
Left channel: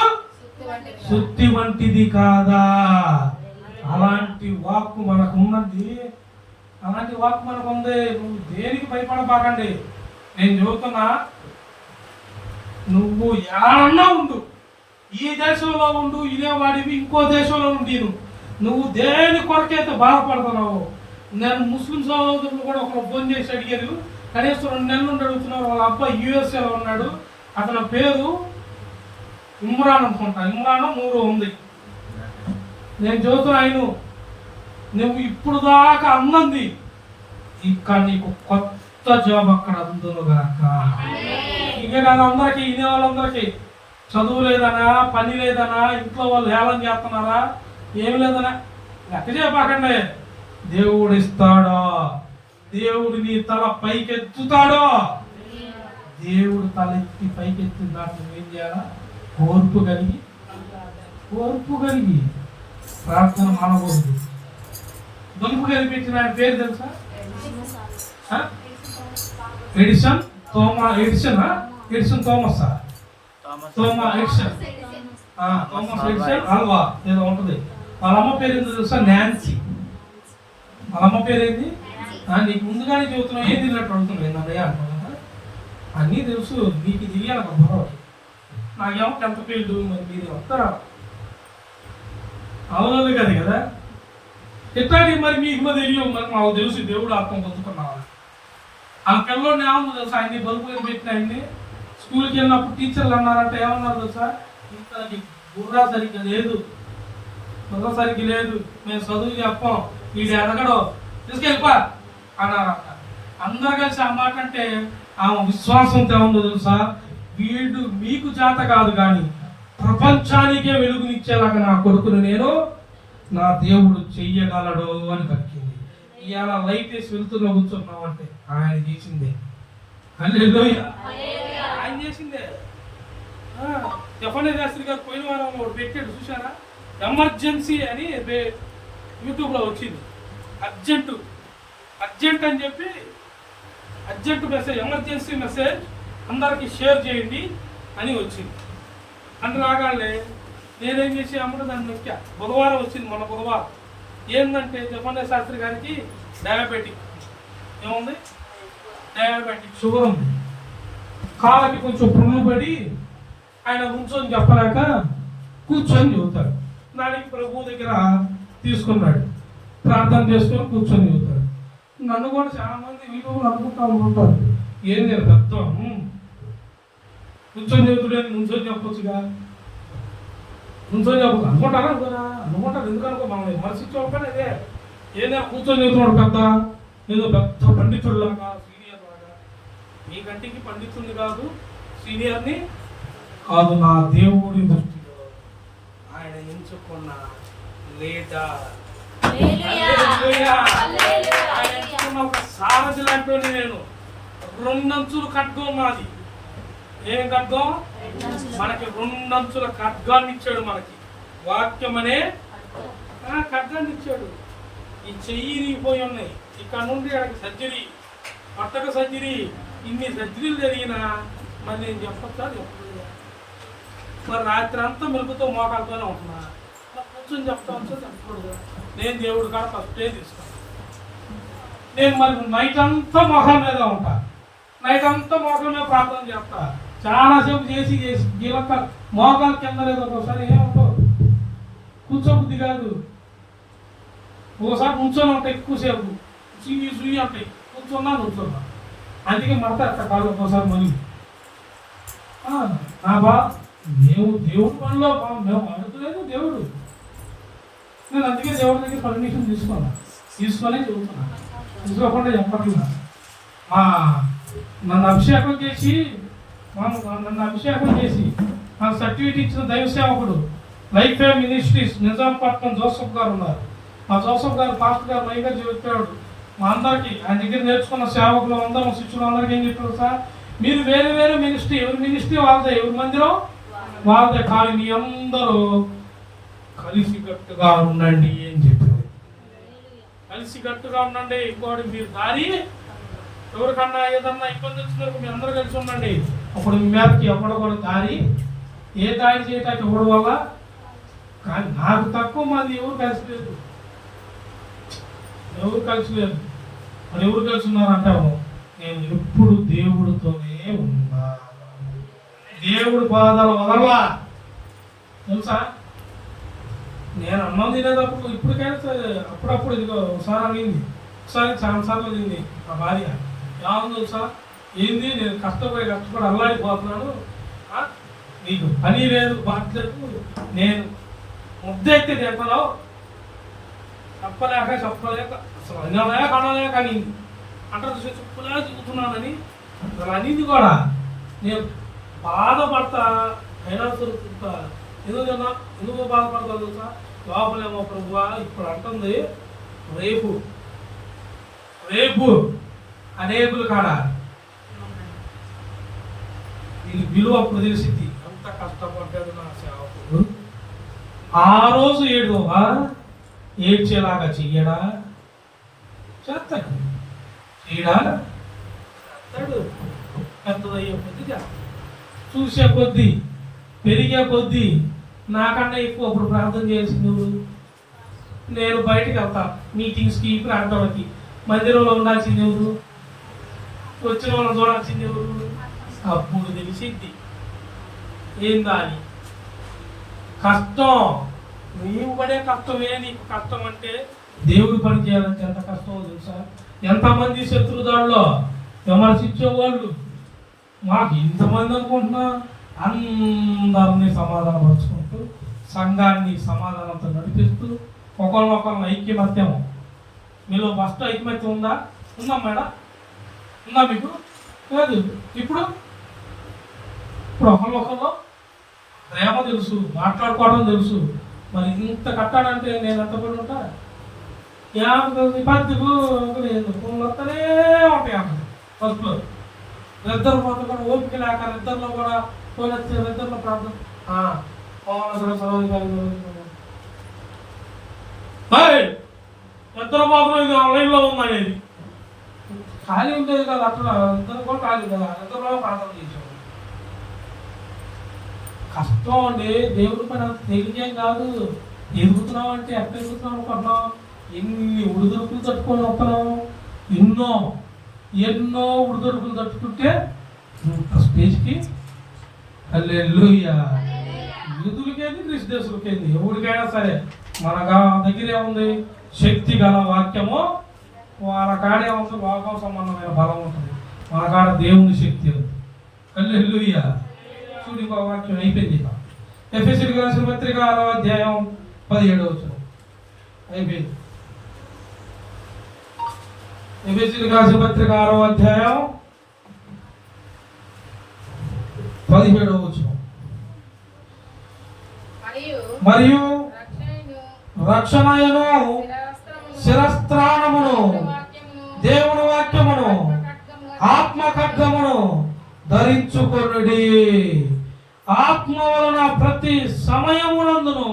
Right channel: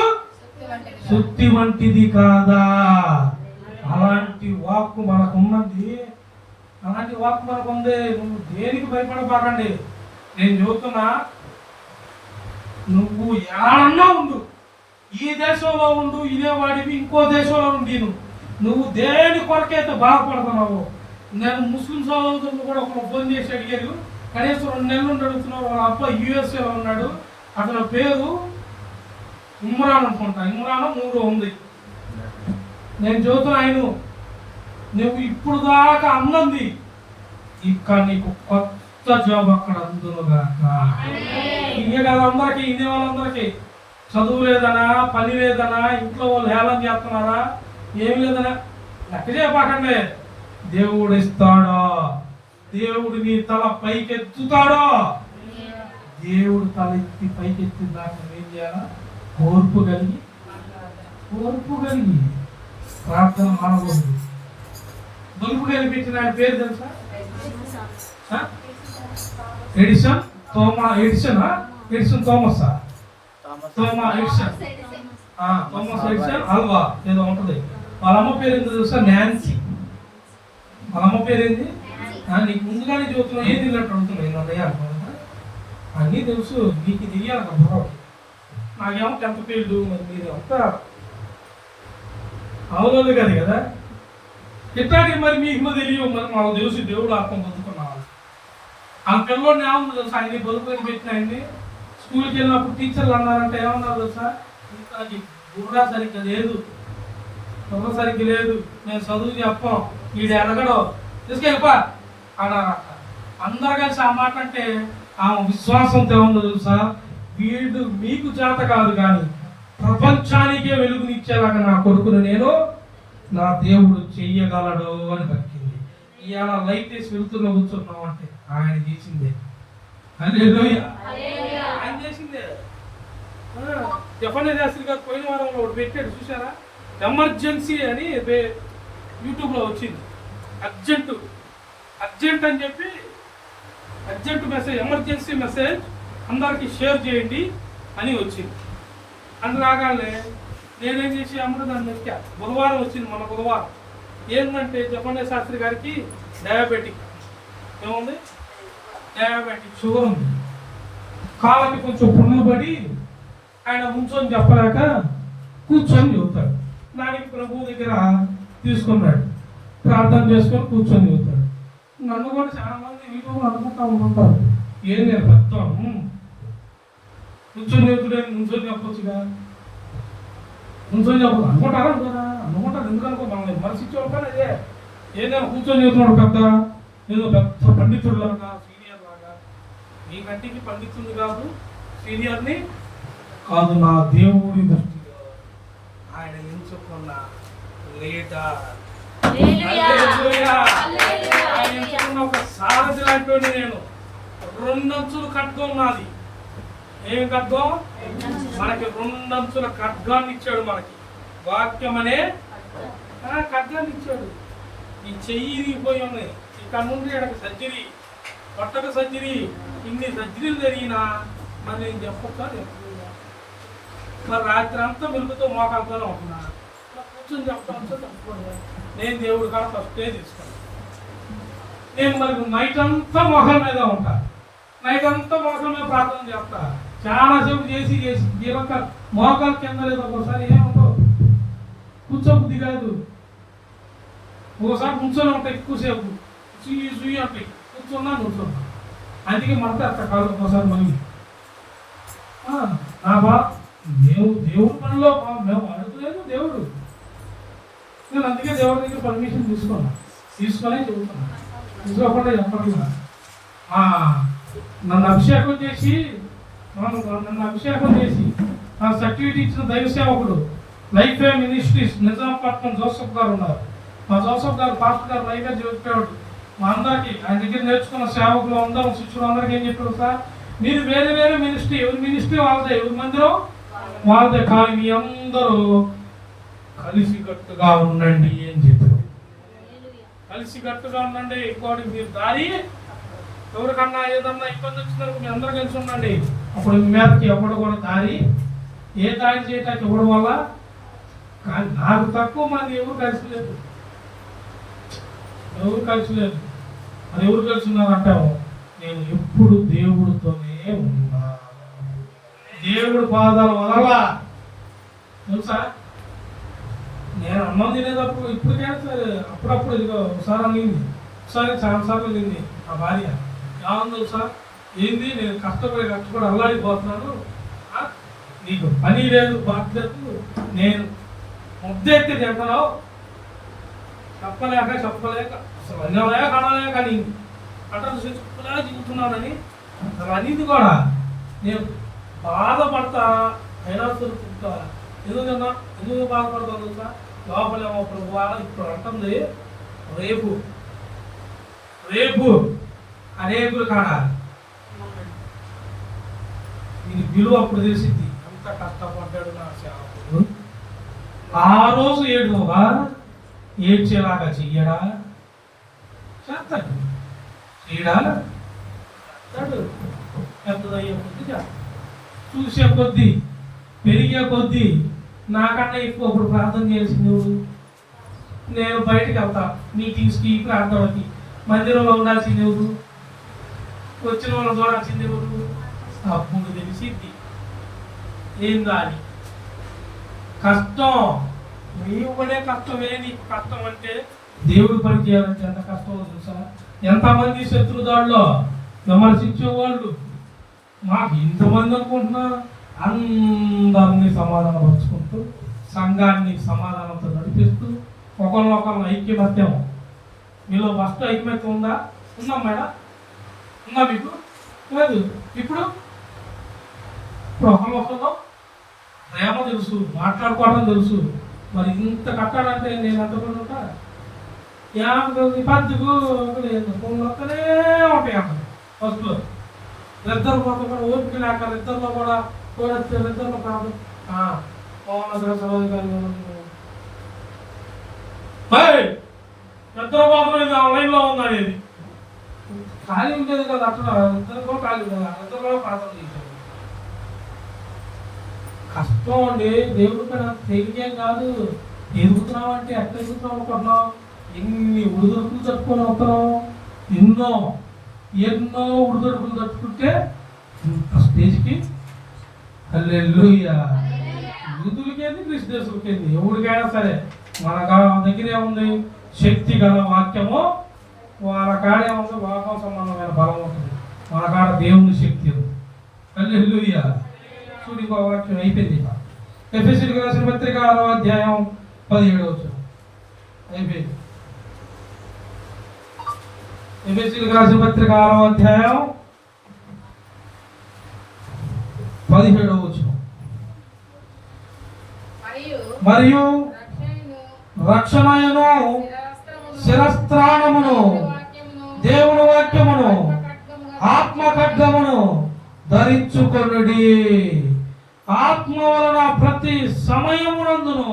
సుత్తి వంటిది కాదా. అలాంటి వాక్కు మనకు ఉన్నది. అలాంటి వాక్కు మనకు ఉంది. నువ్వు దేనికి భయపడబాకండి. నేను చెబుతున్నా, నువ్వు ఏడన్నా ఉండు, ఈ దేశంలో ఉండు, ఇదే వాడివి ఇంకో దేశంలో ఉండి నువ్వు దేని కొరకైతే బాధపడుతున్నావు. నేను ముస్లిం సహోదరులు కూడా ఒకరు ఫోన్ చేసి అడిగారు. కనీసం 2 నెలల నుండి అడుగుతున్నారు. వాళ్ళ అబ్బాయి యూఎస్ఏలో ఉన్నాడు. అతని పేరు ఇమ్రాన్ అనుకుంటా. ఇమ్రాన్ 3 ఉంది. నేను చదువుతున్నా, ఆయన నువ్వు ఇప్పుడు దాకా అన్నది ఇంకా నీకు కొత్త జాబ్ అక్కడ అందునుగాక. ఇంకే కాదు, అందరికీ ఇనే వాళ్ళందరికీ చదువు లేదనా, పని లేదనా, ఇంట్లో వాళ్ళు హేళన చేస్తున్నారా, ఏమి లేదనా లెక్క చెప్పకండి. దేవుడు ఇస్తాడా? దేవుడు నీ తల పైకెత్తుతాడా? దేవుడు తల ఎత్తి పైకెత్తి దాకా ఏం చేయాలా? ఓర్పు కలిగి ప్రార్థన మానకూడదు. బలుపు కనిపించిన ఆయన పేరు తెలుసా? ఎడిసన్ థోమస్ అల్వా ఏదో ఉంటది. వాళ్ళ అమ్మ పేరు ఏంటో తెలుసా? నాన్సీ. వాళ్ళ అమ్మ పేరేంది? నీకు ముందుగానే చెబుతున్నావు, ఏం తెలియనట్టు అడుగుతున్నావు. ఏంటన్నయ్య అంటున్నావు కదా, అన్నీ తెలుసు. మీకు తెలియాలి కదా. నాకేమో 10th ఫీల్డ్, మరి మీరు అంతా అవును కాదు కదా. ఎట్లాంటి మరి మీకు తెలియవు, మరి మాకు తెలుసు. దేవుడు ఆత్మ పొందుతున్నావాలి. ఆ పిల్లవాడిని ఏమన్నా తెలుసా? ఆయన్ని బలుపు పెట్టిన ఆయన్ని స్కూల్కి వెళ్ళినప్పుడు టీచర్లు అన్నారంటే ఏమన్నారు తెలుసా? ఇంకా బుర్ర సరిగ్గా లేదు, మేము చదువు చెప్పాం, వీడు ఎడగడో తీసుకెళ్ళిపా అన్నారంట. అందరు కలిసి ఆ మాట అంటే ఆమె విశ్వాసంతో ఏముందో తెలుసా? వీడు మీకు చేత కాదు కానీ ప్రపంచానికే వెలుగునిచ్చేలాగా నా కొడుకును నేను నా దేవుడు చెయ్యగలడు అని పలికింది. ఇవాళ లైట్ వేసి వెళ్తున్నా కూర్చున్నాం అంటే ఆయన చేసిందే. హల్లెలూయా, ఆయన చేసిందే. జఫన్య శాస్త్రి గారు పోయిన వారంలో ఒకటి పెట్టాడు చూసారా, ఎమర్జెన్సీ అని యూట్యూబ్లో వచ్చింది. అర్జెంట్ అని చెప్పి అర్జెంట్ మెసేజ్, ఎమర్జెన్సీ మెసేజ్ అందరికీ షేర్ చేయండి అని వచ్చింది. అంటే రాగానే నేనేం చేసి అమ్మడు దాన్ని నొక్కా. బుధవారం వచ్చింది, మన బుధవారం. ఏంటంటే జఫన్య శాస్త్రి గారికి డయాబెటిక్, ఏముంది, డయాబెటిక్ షుగర్ ఉంది. కాళ్ళకి కొంచెం పుండ్లు పడి ఆయన ఉంచొని చెప్పలేక కూర్చొని చెబుతాడు. దానికి ప్రభు దగ్గర తీసుకున్నాడు, ప్రార్థన చేసుకొని కూర్చొని చెబుతాడు. నన్ను కూడా చాలా మంది వీళ్ళు అనుకుంటా ఉంటారు, ఏం నేను పెద్దాం కూర్చొని చెబుతుడే, నుంచొని చెప్పొచ్చుగా, నుంచొని చెప్పదు అనుకుంటారా కదా, అనుకుంటారు. ఎందుకు అనుకో, మనం మనిషి చెప్పాను అదే. ఏదైనా కూర్చొని చెబుతున్నాడు పెద్ద, ఏదో పెద్ద పండితుడు లాగా, సీనియర్ లాగా. మీ కంటికి పండితుంది కాదు, సీనియర్ని కాదు, నా దేవుడి దృష్టిలో ఆయన ఎంచుకున్న లీడర్. ఆయన ఎంచుకున్న ఒక సారథి లాంటి నేను. 2 అంచులు ఖడ్గం నాది. ఏమి ఖడ్గం? మనకి 2 అంచుల ఖడ్గాన్ని ఇచ్చాడు. మనకి వాక్యం అనే ఖడ్గాన్ని ఇచ్చాడు. ఈ చెయ్యి ఇరిగిపోయి ఉన్నాయి, ఇక్కడ నుండి అక్కడికి సర్జరీ, పట్టక సర్జరీ, ఇన్ని సర్జరీలు జరిగినా మరి నేను చెప్పొచ్చా? చెప్పలేదు. మరి రాత్రి అంతా మెలుగుతో మోకాలతోనే ఉంటున్నాను. కూర్చొని చెప్పడం చెప్పకూడదు. నేను దేవుడి కాడ ఫస్టే తీసుకున్నాను. నేను మరి నైట్ అంతా మోకాల మీద ఉంటా, నైట్ అంతా మోకాల మీద ప్రార్థన చేస్తా. చాలాసేపు చేసి గీలక్క మోకాలు కింద లేదు. ఒకసారి ఏమంటావు, కూర్చోబుద్ధి కాదు. ఒకసారి నుంచొని ఉంటాయి, ఎక్కువసేపు సుయ్యి ఉంటాయి, కూర్చున్నా. అందుకే మడత అట్ట కాదు ఒకసారి మళ్ళీ. నా దేవుడు పనిలో మేము అడుగులేదు దేవుడు. నేను అందుకే దేవుడి దగ్గర పర్మిషన్ తీసుకొని చదువుతున్నాను. తీసుకోకుండా చెప్పట్లా. నన్ను అభిషేకం చేసి నా సర్టిఫికేట్ ఇచ్చిన దైవ సేవకుడు life fame ministries Nizampatnam Joseph గారు ఉన్నారు. మా జోసఫ్ గారు పాస్టర్ గారు నైగా చెప్పేవాడు మా అందరికీ. ఆయన దగ్గర నేర్చుకున్న సేవకులు అందరూ, శిష్యులు అందరికీ ఏం చెప్పారు సార్, మీరు వేరే వేరే మినిస్ట్రీ, ఎవరి మినిస్ట్రీ వాళ్ళదే, ఎవరి మందిరం వాళ్ళదే, కానీ మీ అందరూ కలిసికట్టుగా ఉండండి అని చెప్పారు. కలిసికట్టుగా ఉండండి. ఇంకోటి, మీరు దారి ఎవరికన్నా ఏదన్నా ఇబ్బంది వచ్చినందుకు మీ అందరూ కలిసి ఉండండి. అప్పుడు మీ మీదకి ఎవడు కూడా దారి చేయటానికి ఇవ్వడం వల్ల. కానీ నాకు తక్కువ మంది ఎవరు కలిసి లేదు. మరి ఎవరు కలిసి ఉన్నారంటావు? నేను ఎప్పుడు దేవుడితోనే ఉన్నా, దేవుడు పాదాలు వదలా. తెలుసా, నేను అన్నం తినేటప్పుడు ఇప్పటికైనా అప్పుడప్పుడు ఇదిగో ఒకసారి అనింది, ఒకసారి చాలాసార్లు తింది ఆ భార్య. ఏమన్నా తెలుసా, ఏంది నేను కష్టపడి అల్లాడిపోతున్నాను, నీకు పని లేదు, బాధ్యత, నేను ముద్దెత్తి తింటున్నావు, చెప్పలేక అసలు అనలేక అనింది. అంటే చెప్పలేక దిగుతున్నానని అసలు అనింది కూడా. నేను బాధపడతా, అయినా చూరుకుంటా. ఎందుకు బాధపడతా తెలుసా, లోపలేమో ఇప్పుడు అంటుంది రేపు అనేకులు కాడ దీని విలువ అప్పుడు తెలిసింది. అంత కష్టపడ్డాడు నా సేవకుడు. ఆ రోజు ఏడ్చేలాగా చెయ్యడా, చేస్తాడు. చేయడా, చేస్తాడు. పెద్దదయ్యే కొద్ది చూసే కొద్దీ, పెరిగే కొద్దీ నాకన్నా ఎక్కువ అప్పుడు ప్రార్థన చేయాల్సింది ఎవరు? నేను బయటకు వెళ్తా మీటింగ్స్కి, ప్రార్థనకి. మందిరంలో ఉండాల్సింది ఎవరు? వచ్చిన వాళ్ళని చూడాల్సింది ఎవరు? అప్పుడు తెలిసింది ఏందా అని. కష్టం, నీవు పడే కష్టమే నీకు కష్టం. అంటే దేవుడు పని చేయాలంటే ఎంత కష్టమో తెలుసా? ఎంతమంది శత్రుదాడులో విమర్శించేవాళ్ళు, మాకు ఇంతమంది అనుకుంటున్నా, అందరినీ సమాధానపరుచుకుంటూ, సంఘాన్ని సమాధానంతో నడిపిస్తూ, ఒకరినొకరిని ఐక్యమత్యం. మీలో ఫస్ట్ ఐక్యమత్యం ఉందా? ఉందా మేడం? ఉందా మీకు? లేదు. ఇప్పుడు ఒకరినొకరు ప్రేమ తెలుసు, మాట్లాడుకోవడం తెలుసు, మరి ఇంత కట్టాడంటే నేను అంత కూడా ఉంటా పద్దుకు లేదు మొత్తనే ఉంటాయి అంట ఫస్ట్లో. ఇద్దరు మొత్తం కూడా ఓపిక లేక ఇద్దరిలో కూడా వచ్చే ఇద్దరిలో ప్రాబ్లం ఇద్దరు మాత్రం ఇది ఆన్లైన్లో ఉందనేది ఖాళీ ఉండేది కదా. అట్లా ఇద్దరు కూడా ఖాళీ కదా, ఇద్దరు ప్రార్థన చేశారు. కష్టం అండి, దేవుడి పైన తెలియజేయం కాదు. ఎదుగుతున్నాం అంటే ఎక్కడ ఎదుగుతున్నాం అనుకుంటున్నాం? ఎన్ని ఉడుదొరుకులు తట్టుకొని వస్తున్నాం, ఎన్నో ఎన్నో ఉడుదొరుకులు తట్టుకుంటే స్టేజ్కి హల్లెలూయా. యూదులకేంది క్రిస్టియన్స్లకేంది ఎవరికైనా సరే మన దగ్గర ఏముంది? శక్తి గల వాక్యము. వాళ్ళ కాడ ఏముంది? లోకం సంబంధమైన బలం ఉంటుంది, మన కాడ దేవుని శక్తి. హల్లెలూయా. చూడు ఇంకో వాక్యం అయిపోయింది. ఎఫెసీయులకు రాసిన పత్రిక 6వ అధ్యాయం 17వ వచనం అయిపోయింది. ఎఫెసీయులకు రాసిన పత్రిక 6వ అధ్యాయం 17వ వచనం. మరియు రక్షణయను శిరస్త్రాణమును దేవుని వాక్యమును ఆత్మ ఖడ్గమును ధరించుకొనుడి. ఆత్మ వలన ప్రతి సమయమునందును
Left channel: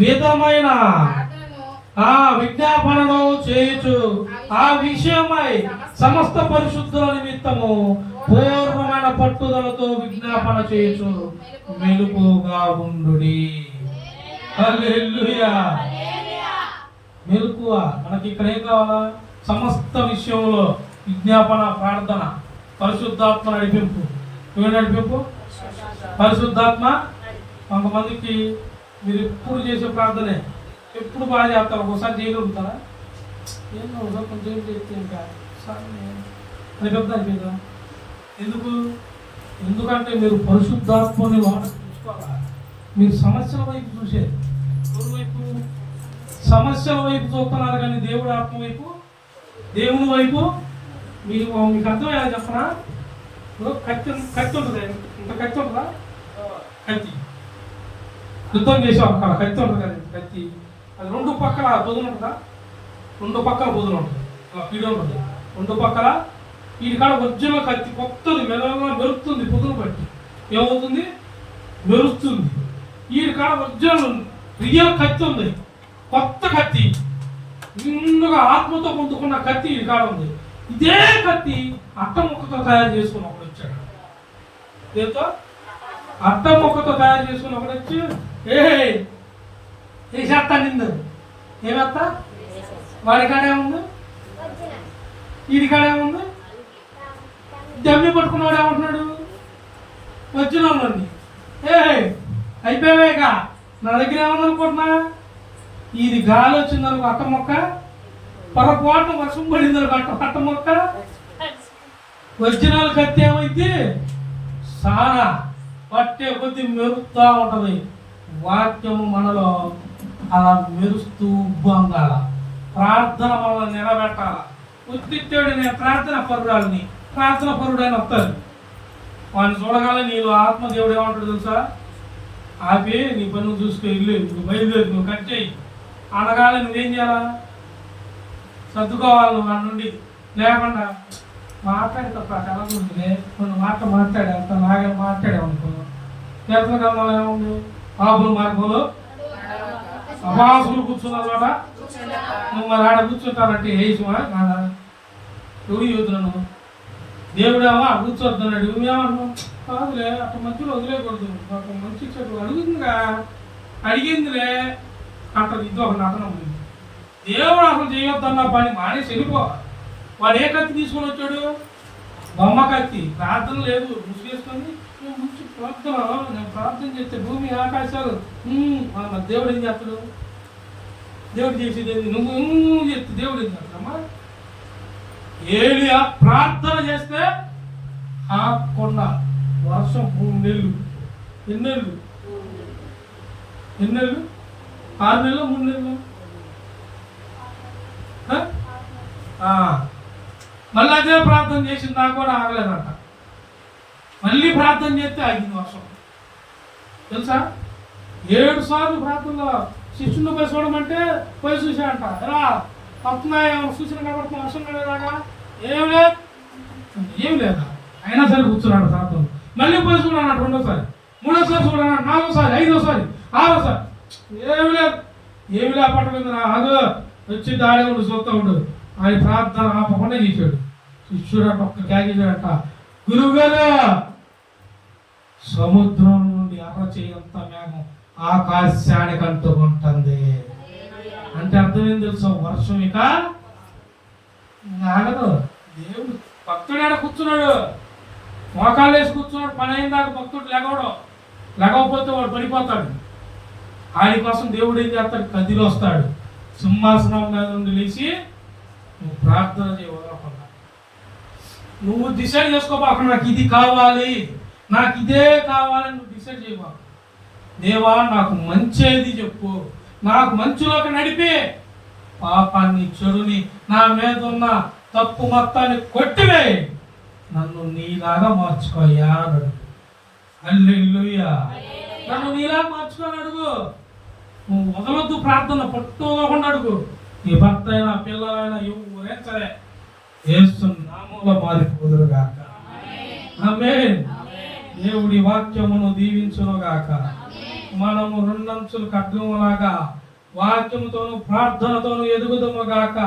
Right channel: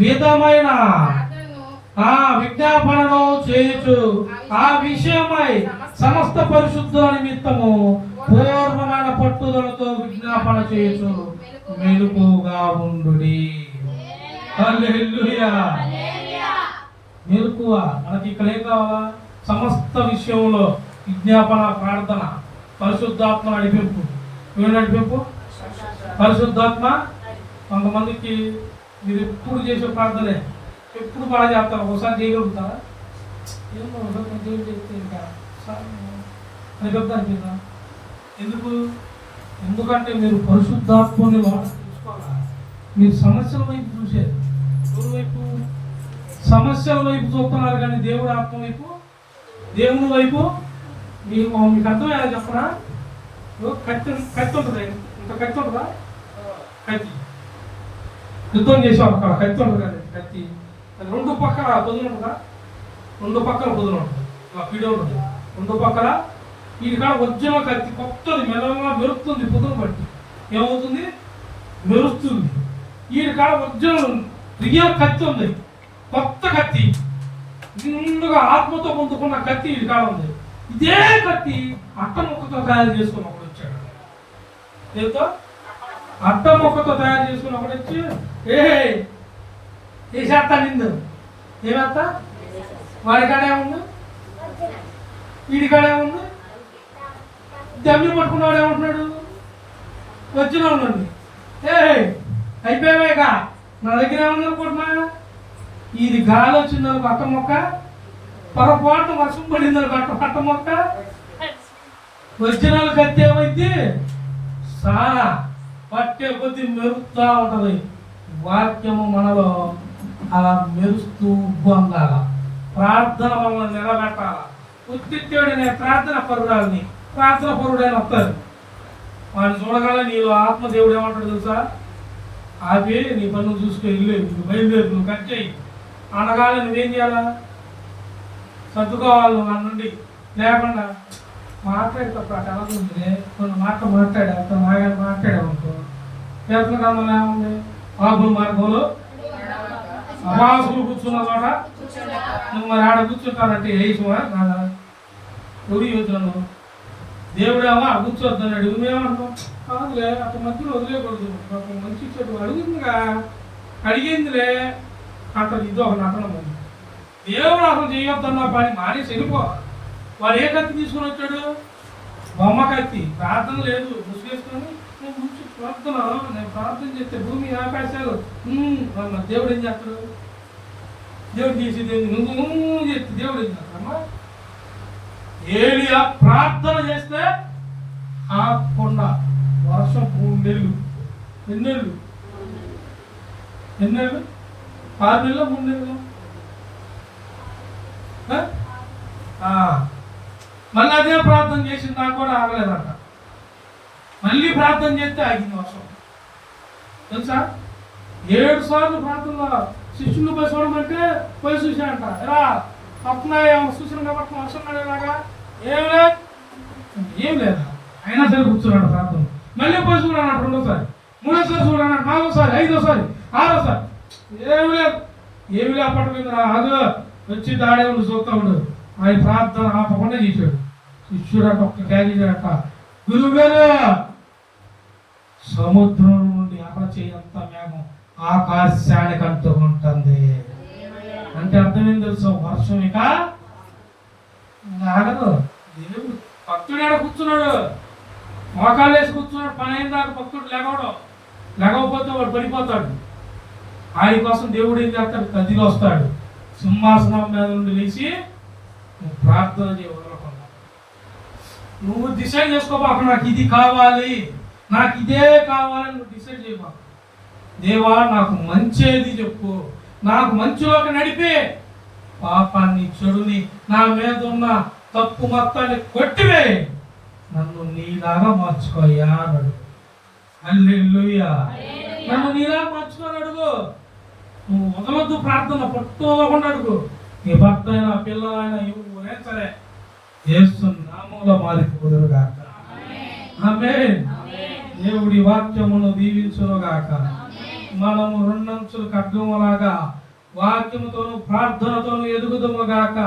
విధమైన విజ్ఞాపనను చేయుచు ఆ విషయమై సమస్త పరిశుద్ధుల నిమిత్తము పూర్వమైన పట్టుదలతో విజ్ఞాపన చేయుచు మెలుకుగా ఉండుడి. హల్లెలూయా. మెలుకువ మనకి ఇక్కడ ఏం కావాలా? సమస్త విషయంలో విజ్ఞాపన, ప్రార్థన, పరిశుద్ధాత్మ నడిపింపు. ఏం నడిపింపు? పరిశుద్ధాత్మ. కొంతమందికి మీరు ఎప్పుడు చేసే ప్రార్థనే ఎప్పుడు బాగా చేస్తారు, ఒకసారి చేయగలుగుతారా? ఏమో ఒకసారి కొంచెం చేస్తే ఇంకా అని పెద్ద అనిపించదా? ఎందుకంటే మీరు పరిశుద్ధాత్మని చూసుకోవాలా. మీరు సమస్యల వైపు చూసారు, ఎవరి వైపు? సమస్యల వైపు చూస్తున్నారు కానీ దేవుడు ఆత్మ వైపు, దేవుని వైపు మీకు అర్థం ఎలా చెప్పనా? కత్తి ఉంటుంది, ఇంత కత్తి ఉంటుందా? కత్తి యుద్ధం చేసాం అక్కడ కత్తి ఉంటుంది కదా, కత్తి అది రెండు పక్కల పొదులు ఉంటుందా? రెండు పక్కల పొదులు ఉంటుంది, ఇలా పీడ ఉంటుంది రెండు పక్కల. వీడి కాడ వజ్జన కత్తి కొత్తది మెల్లగా మెరుస్తుంది, పొదులు బట్టి ఏమవుతుంది? మెరుస్తుంది. వీడి కాడ వజ్జన రియల్ కత్తి ఉంది, కొత్త కత్తి, నిండుగా ఆత్మతో పొందుకున్న కత్తి వీడి కాడ ఉంది. ఇదే కత్తి అట్ట ముక్కతో తయారు చేసుకున్నప్పుడు వచ్చాడు. దీంతో అట్ట ముక్కతో తయారు చేసుకున్నప్పుడు వచ్చి ఏ చేస్తా నిండు ఏమత్తా? వాడి కాడేముంది, వీడి కాడేముంది? జమ్మి పట్టుకున్నాడు ఏమంటున్నాడు? వచ్చిన ఉండండి అయిపోయావేగా నా దగ్గర ఏమనుకుంటున్నా? ఇది గాలి వచ్చిందనుకో అట్ట మొక్క, పొరపాటున వర్షం పడిందనుకో అట్ట మొక్క, వచ్చిన వాళ్ళు కత్తి ఏమైంది? సారా పట్టే కొద్ది మెరుస్తూ ఉంటుంది. వాక్యము మనలో అలా మెరుస్తూ ఉబ్బంగాల. ప్రార్థన మనల్ని నిలబెట్టాల. ఉత్తిత్తుడు నేను ప్రార్థన పరురాలని, ప్రార్థన పరుడైన వస్తారు. వాడిని చూడగానే నీలో ఆత్మదేవుడు ఏమంటాడు తెలుసా? ఆపి నీ పనులు చూసుకో, ఇల్లు నువ్వు బయలుదేరు, నువ్వు కట్ చేయి అనగానే నువ్వేం చేయాలా? సర్దుకోవాలి మన నుండి. లేకుండా మాట్లాడి తప్ప చాలా ఉంది, కొన్ని మాట్లాడే అంత నాగా మాట్లాడామనుకో చేతనకన్నా ఏముంది? ఆపుల మార్గంలో అభాసులు కూర్చున్న చోట నువ్వు మరి ఆడ కూర్చుంటానంటే వేసుమా కాదా? ఎవరు యూతులను దేవుడేమో కూర్చోద్దాడు, నువ్వేమన్నావు? కాదులే అటు మధ్యలో వదిలేయకూడదు, ఒక మంచి చెట్టు అడుగుతుందిగా, అడిగిందిలే అంటారు. ఇది ఒక నటన. మరి దేవుడు అసలు చేయొద్దన్న పని మానేసి వెళ్ళిపోవాలి. వాడు ఏ కత్తి తీసుకొని వచ్చాడు? బొమ్మ కత్తి. ప్రార్థన లేదు, ముసుగేసుకొని నేను ప్రార్థన చేస్తే భూమి ఆకాశాలు దేవుడు ఏం చేస్తాడు? దేవుడు చేసేది ఏంటి? నువ్వు చెప్తే దేవుడు ఏం చేస్తాడమ్మా? ఏలియా ప్రార్థన చేస్తే ఆకుండా వర్షం 3 నెలలు. ఎన్ని నెలలు? 6 నెలలు 3 నెలలు. మళ్ళీ అదే ప్రార్థన చేసింది, నాకు కూడా ఆగలేదంట. మళ్ళీ ప్రార్థన చేస్తే ఆగింది వర్షం. తెలుసా? 7 సార్లు ప్రార్థనలో శిష్యుని పోయి చూడమంటే పోయి చూసాడంట. ఎలా తప్పునా ఏమైనా చూసిన కాబట్టి మనుషులు ఇలాగా ఏం లేదా, అయినా సరే కూర్చున్నాడు ప్రార్థన. మళ్ళీ పోయి చూడన్నాడు 2వ సారి, 3వ సారి చూడన్నాడు, 4వ సారి, 5వ సారి, 6వ సారి. ఏమి లేపట్లేదు. అదో వచ్చి దాడే ఉండు చూస్తా ఉండు. ఆయన ప్రార్థన ఆపకుండా చేశాడు. శిష్యుడట ఒక్క క్యారీట, గురువు గారు సముద్రం నుండి అరచేయంత మేఘం ఆకాశానికి అంటుకుంటుంది అంటే అర్థం ఏం తెలుసా? వర్షం ఇక ఆగదు. దేవుడు భక్తుడు ఆడ కూర్చున్నాడు, మోకాలు వేసి కూర్చున్నాడు. పని అయిన దాకా భక్తుడు లేకపోతే వాడు పడిపోతాడు. ఆయన కోసం దేవుడు ఏం చేస్తాడు? కదిలి వస్తాడు, సింహాసనం మీద నుండి లేచి నువ్వు ప్రార్థన చేయవదలకుండా నువ్వు డిసైడ్ చేసుకోబాక. నాకు ఇది కావాలి, నాకు ఇదే కావాలని నువ్వు డిసైడ్ చేయబాక. దేవా నాకు మంచిది చెప్పు, నాకు మంచిలోకి నడిపి పాపాన్ని చెడుని నా మీద ఉన్న తప్పు మొత్తాన్ని కొట్టివే, నన్ను నీలాగా మార్చుకోయా అడుగు. హల్లెలూయా. నన్ను నీలాగా మార్చుకొని అడుగు. నువ్వు వదలొద్దు ప్రార్థన, పట్టు వదలకుండా అడుగు. నీ భర్త అయినా పిల్లలైనా ఎవరైనా సరే యేసు నామములో మారిపోదురు గాక. ఆమేన్. దేవుడి వాక్యమును దీవించును గాక. మనము 2 అంచుల ఖడ్గములాగా వాక్యముతోను ప్రార్థనతోను ఎదుగుదుము గాక.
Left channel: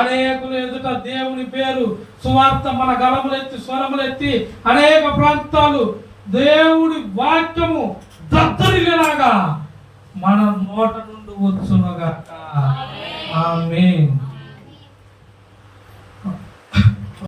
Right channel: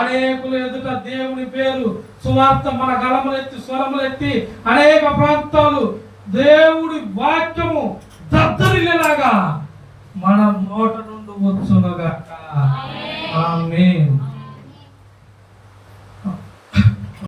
అనేకులు ఎదుట దేవుని పేరు సువార్త మన గళములెత్తి స్వరములెత్తి అనేక ప్రాంతాలు దేవుడి వాక్యము దద్దరిల్లేలాగా మన నోట నుండి వచ్చును గాక. ఆమేన్.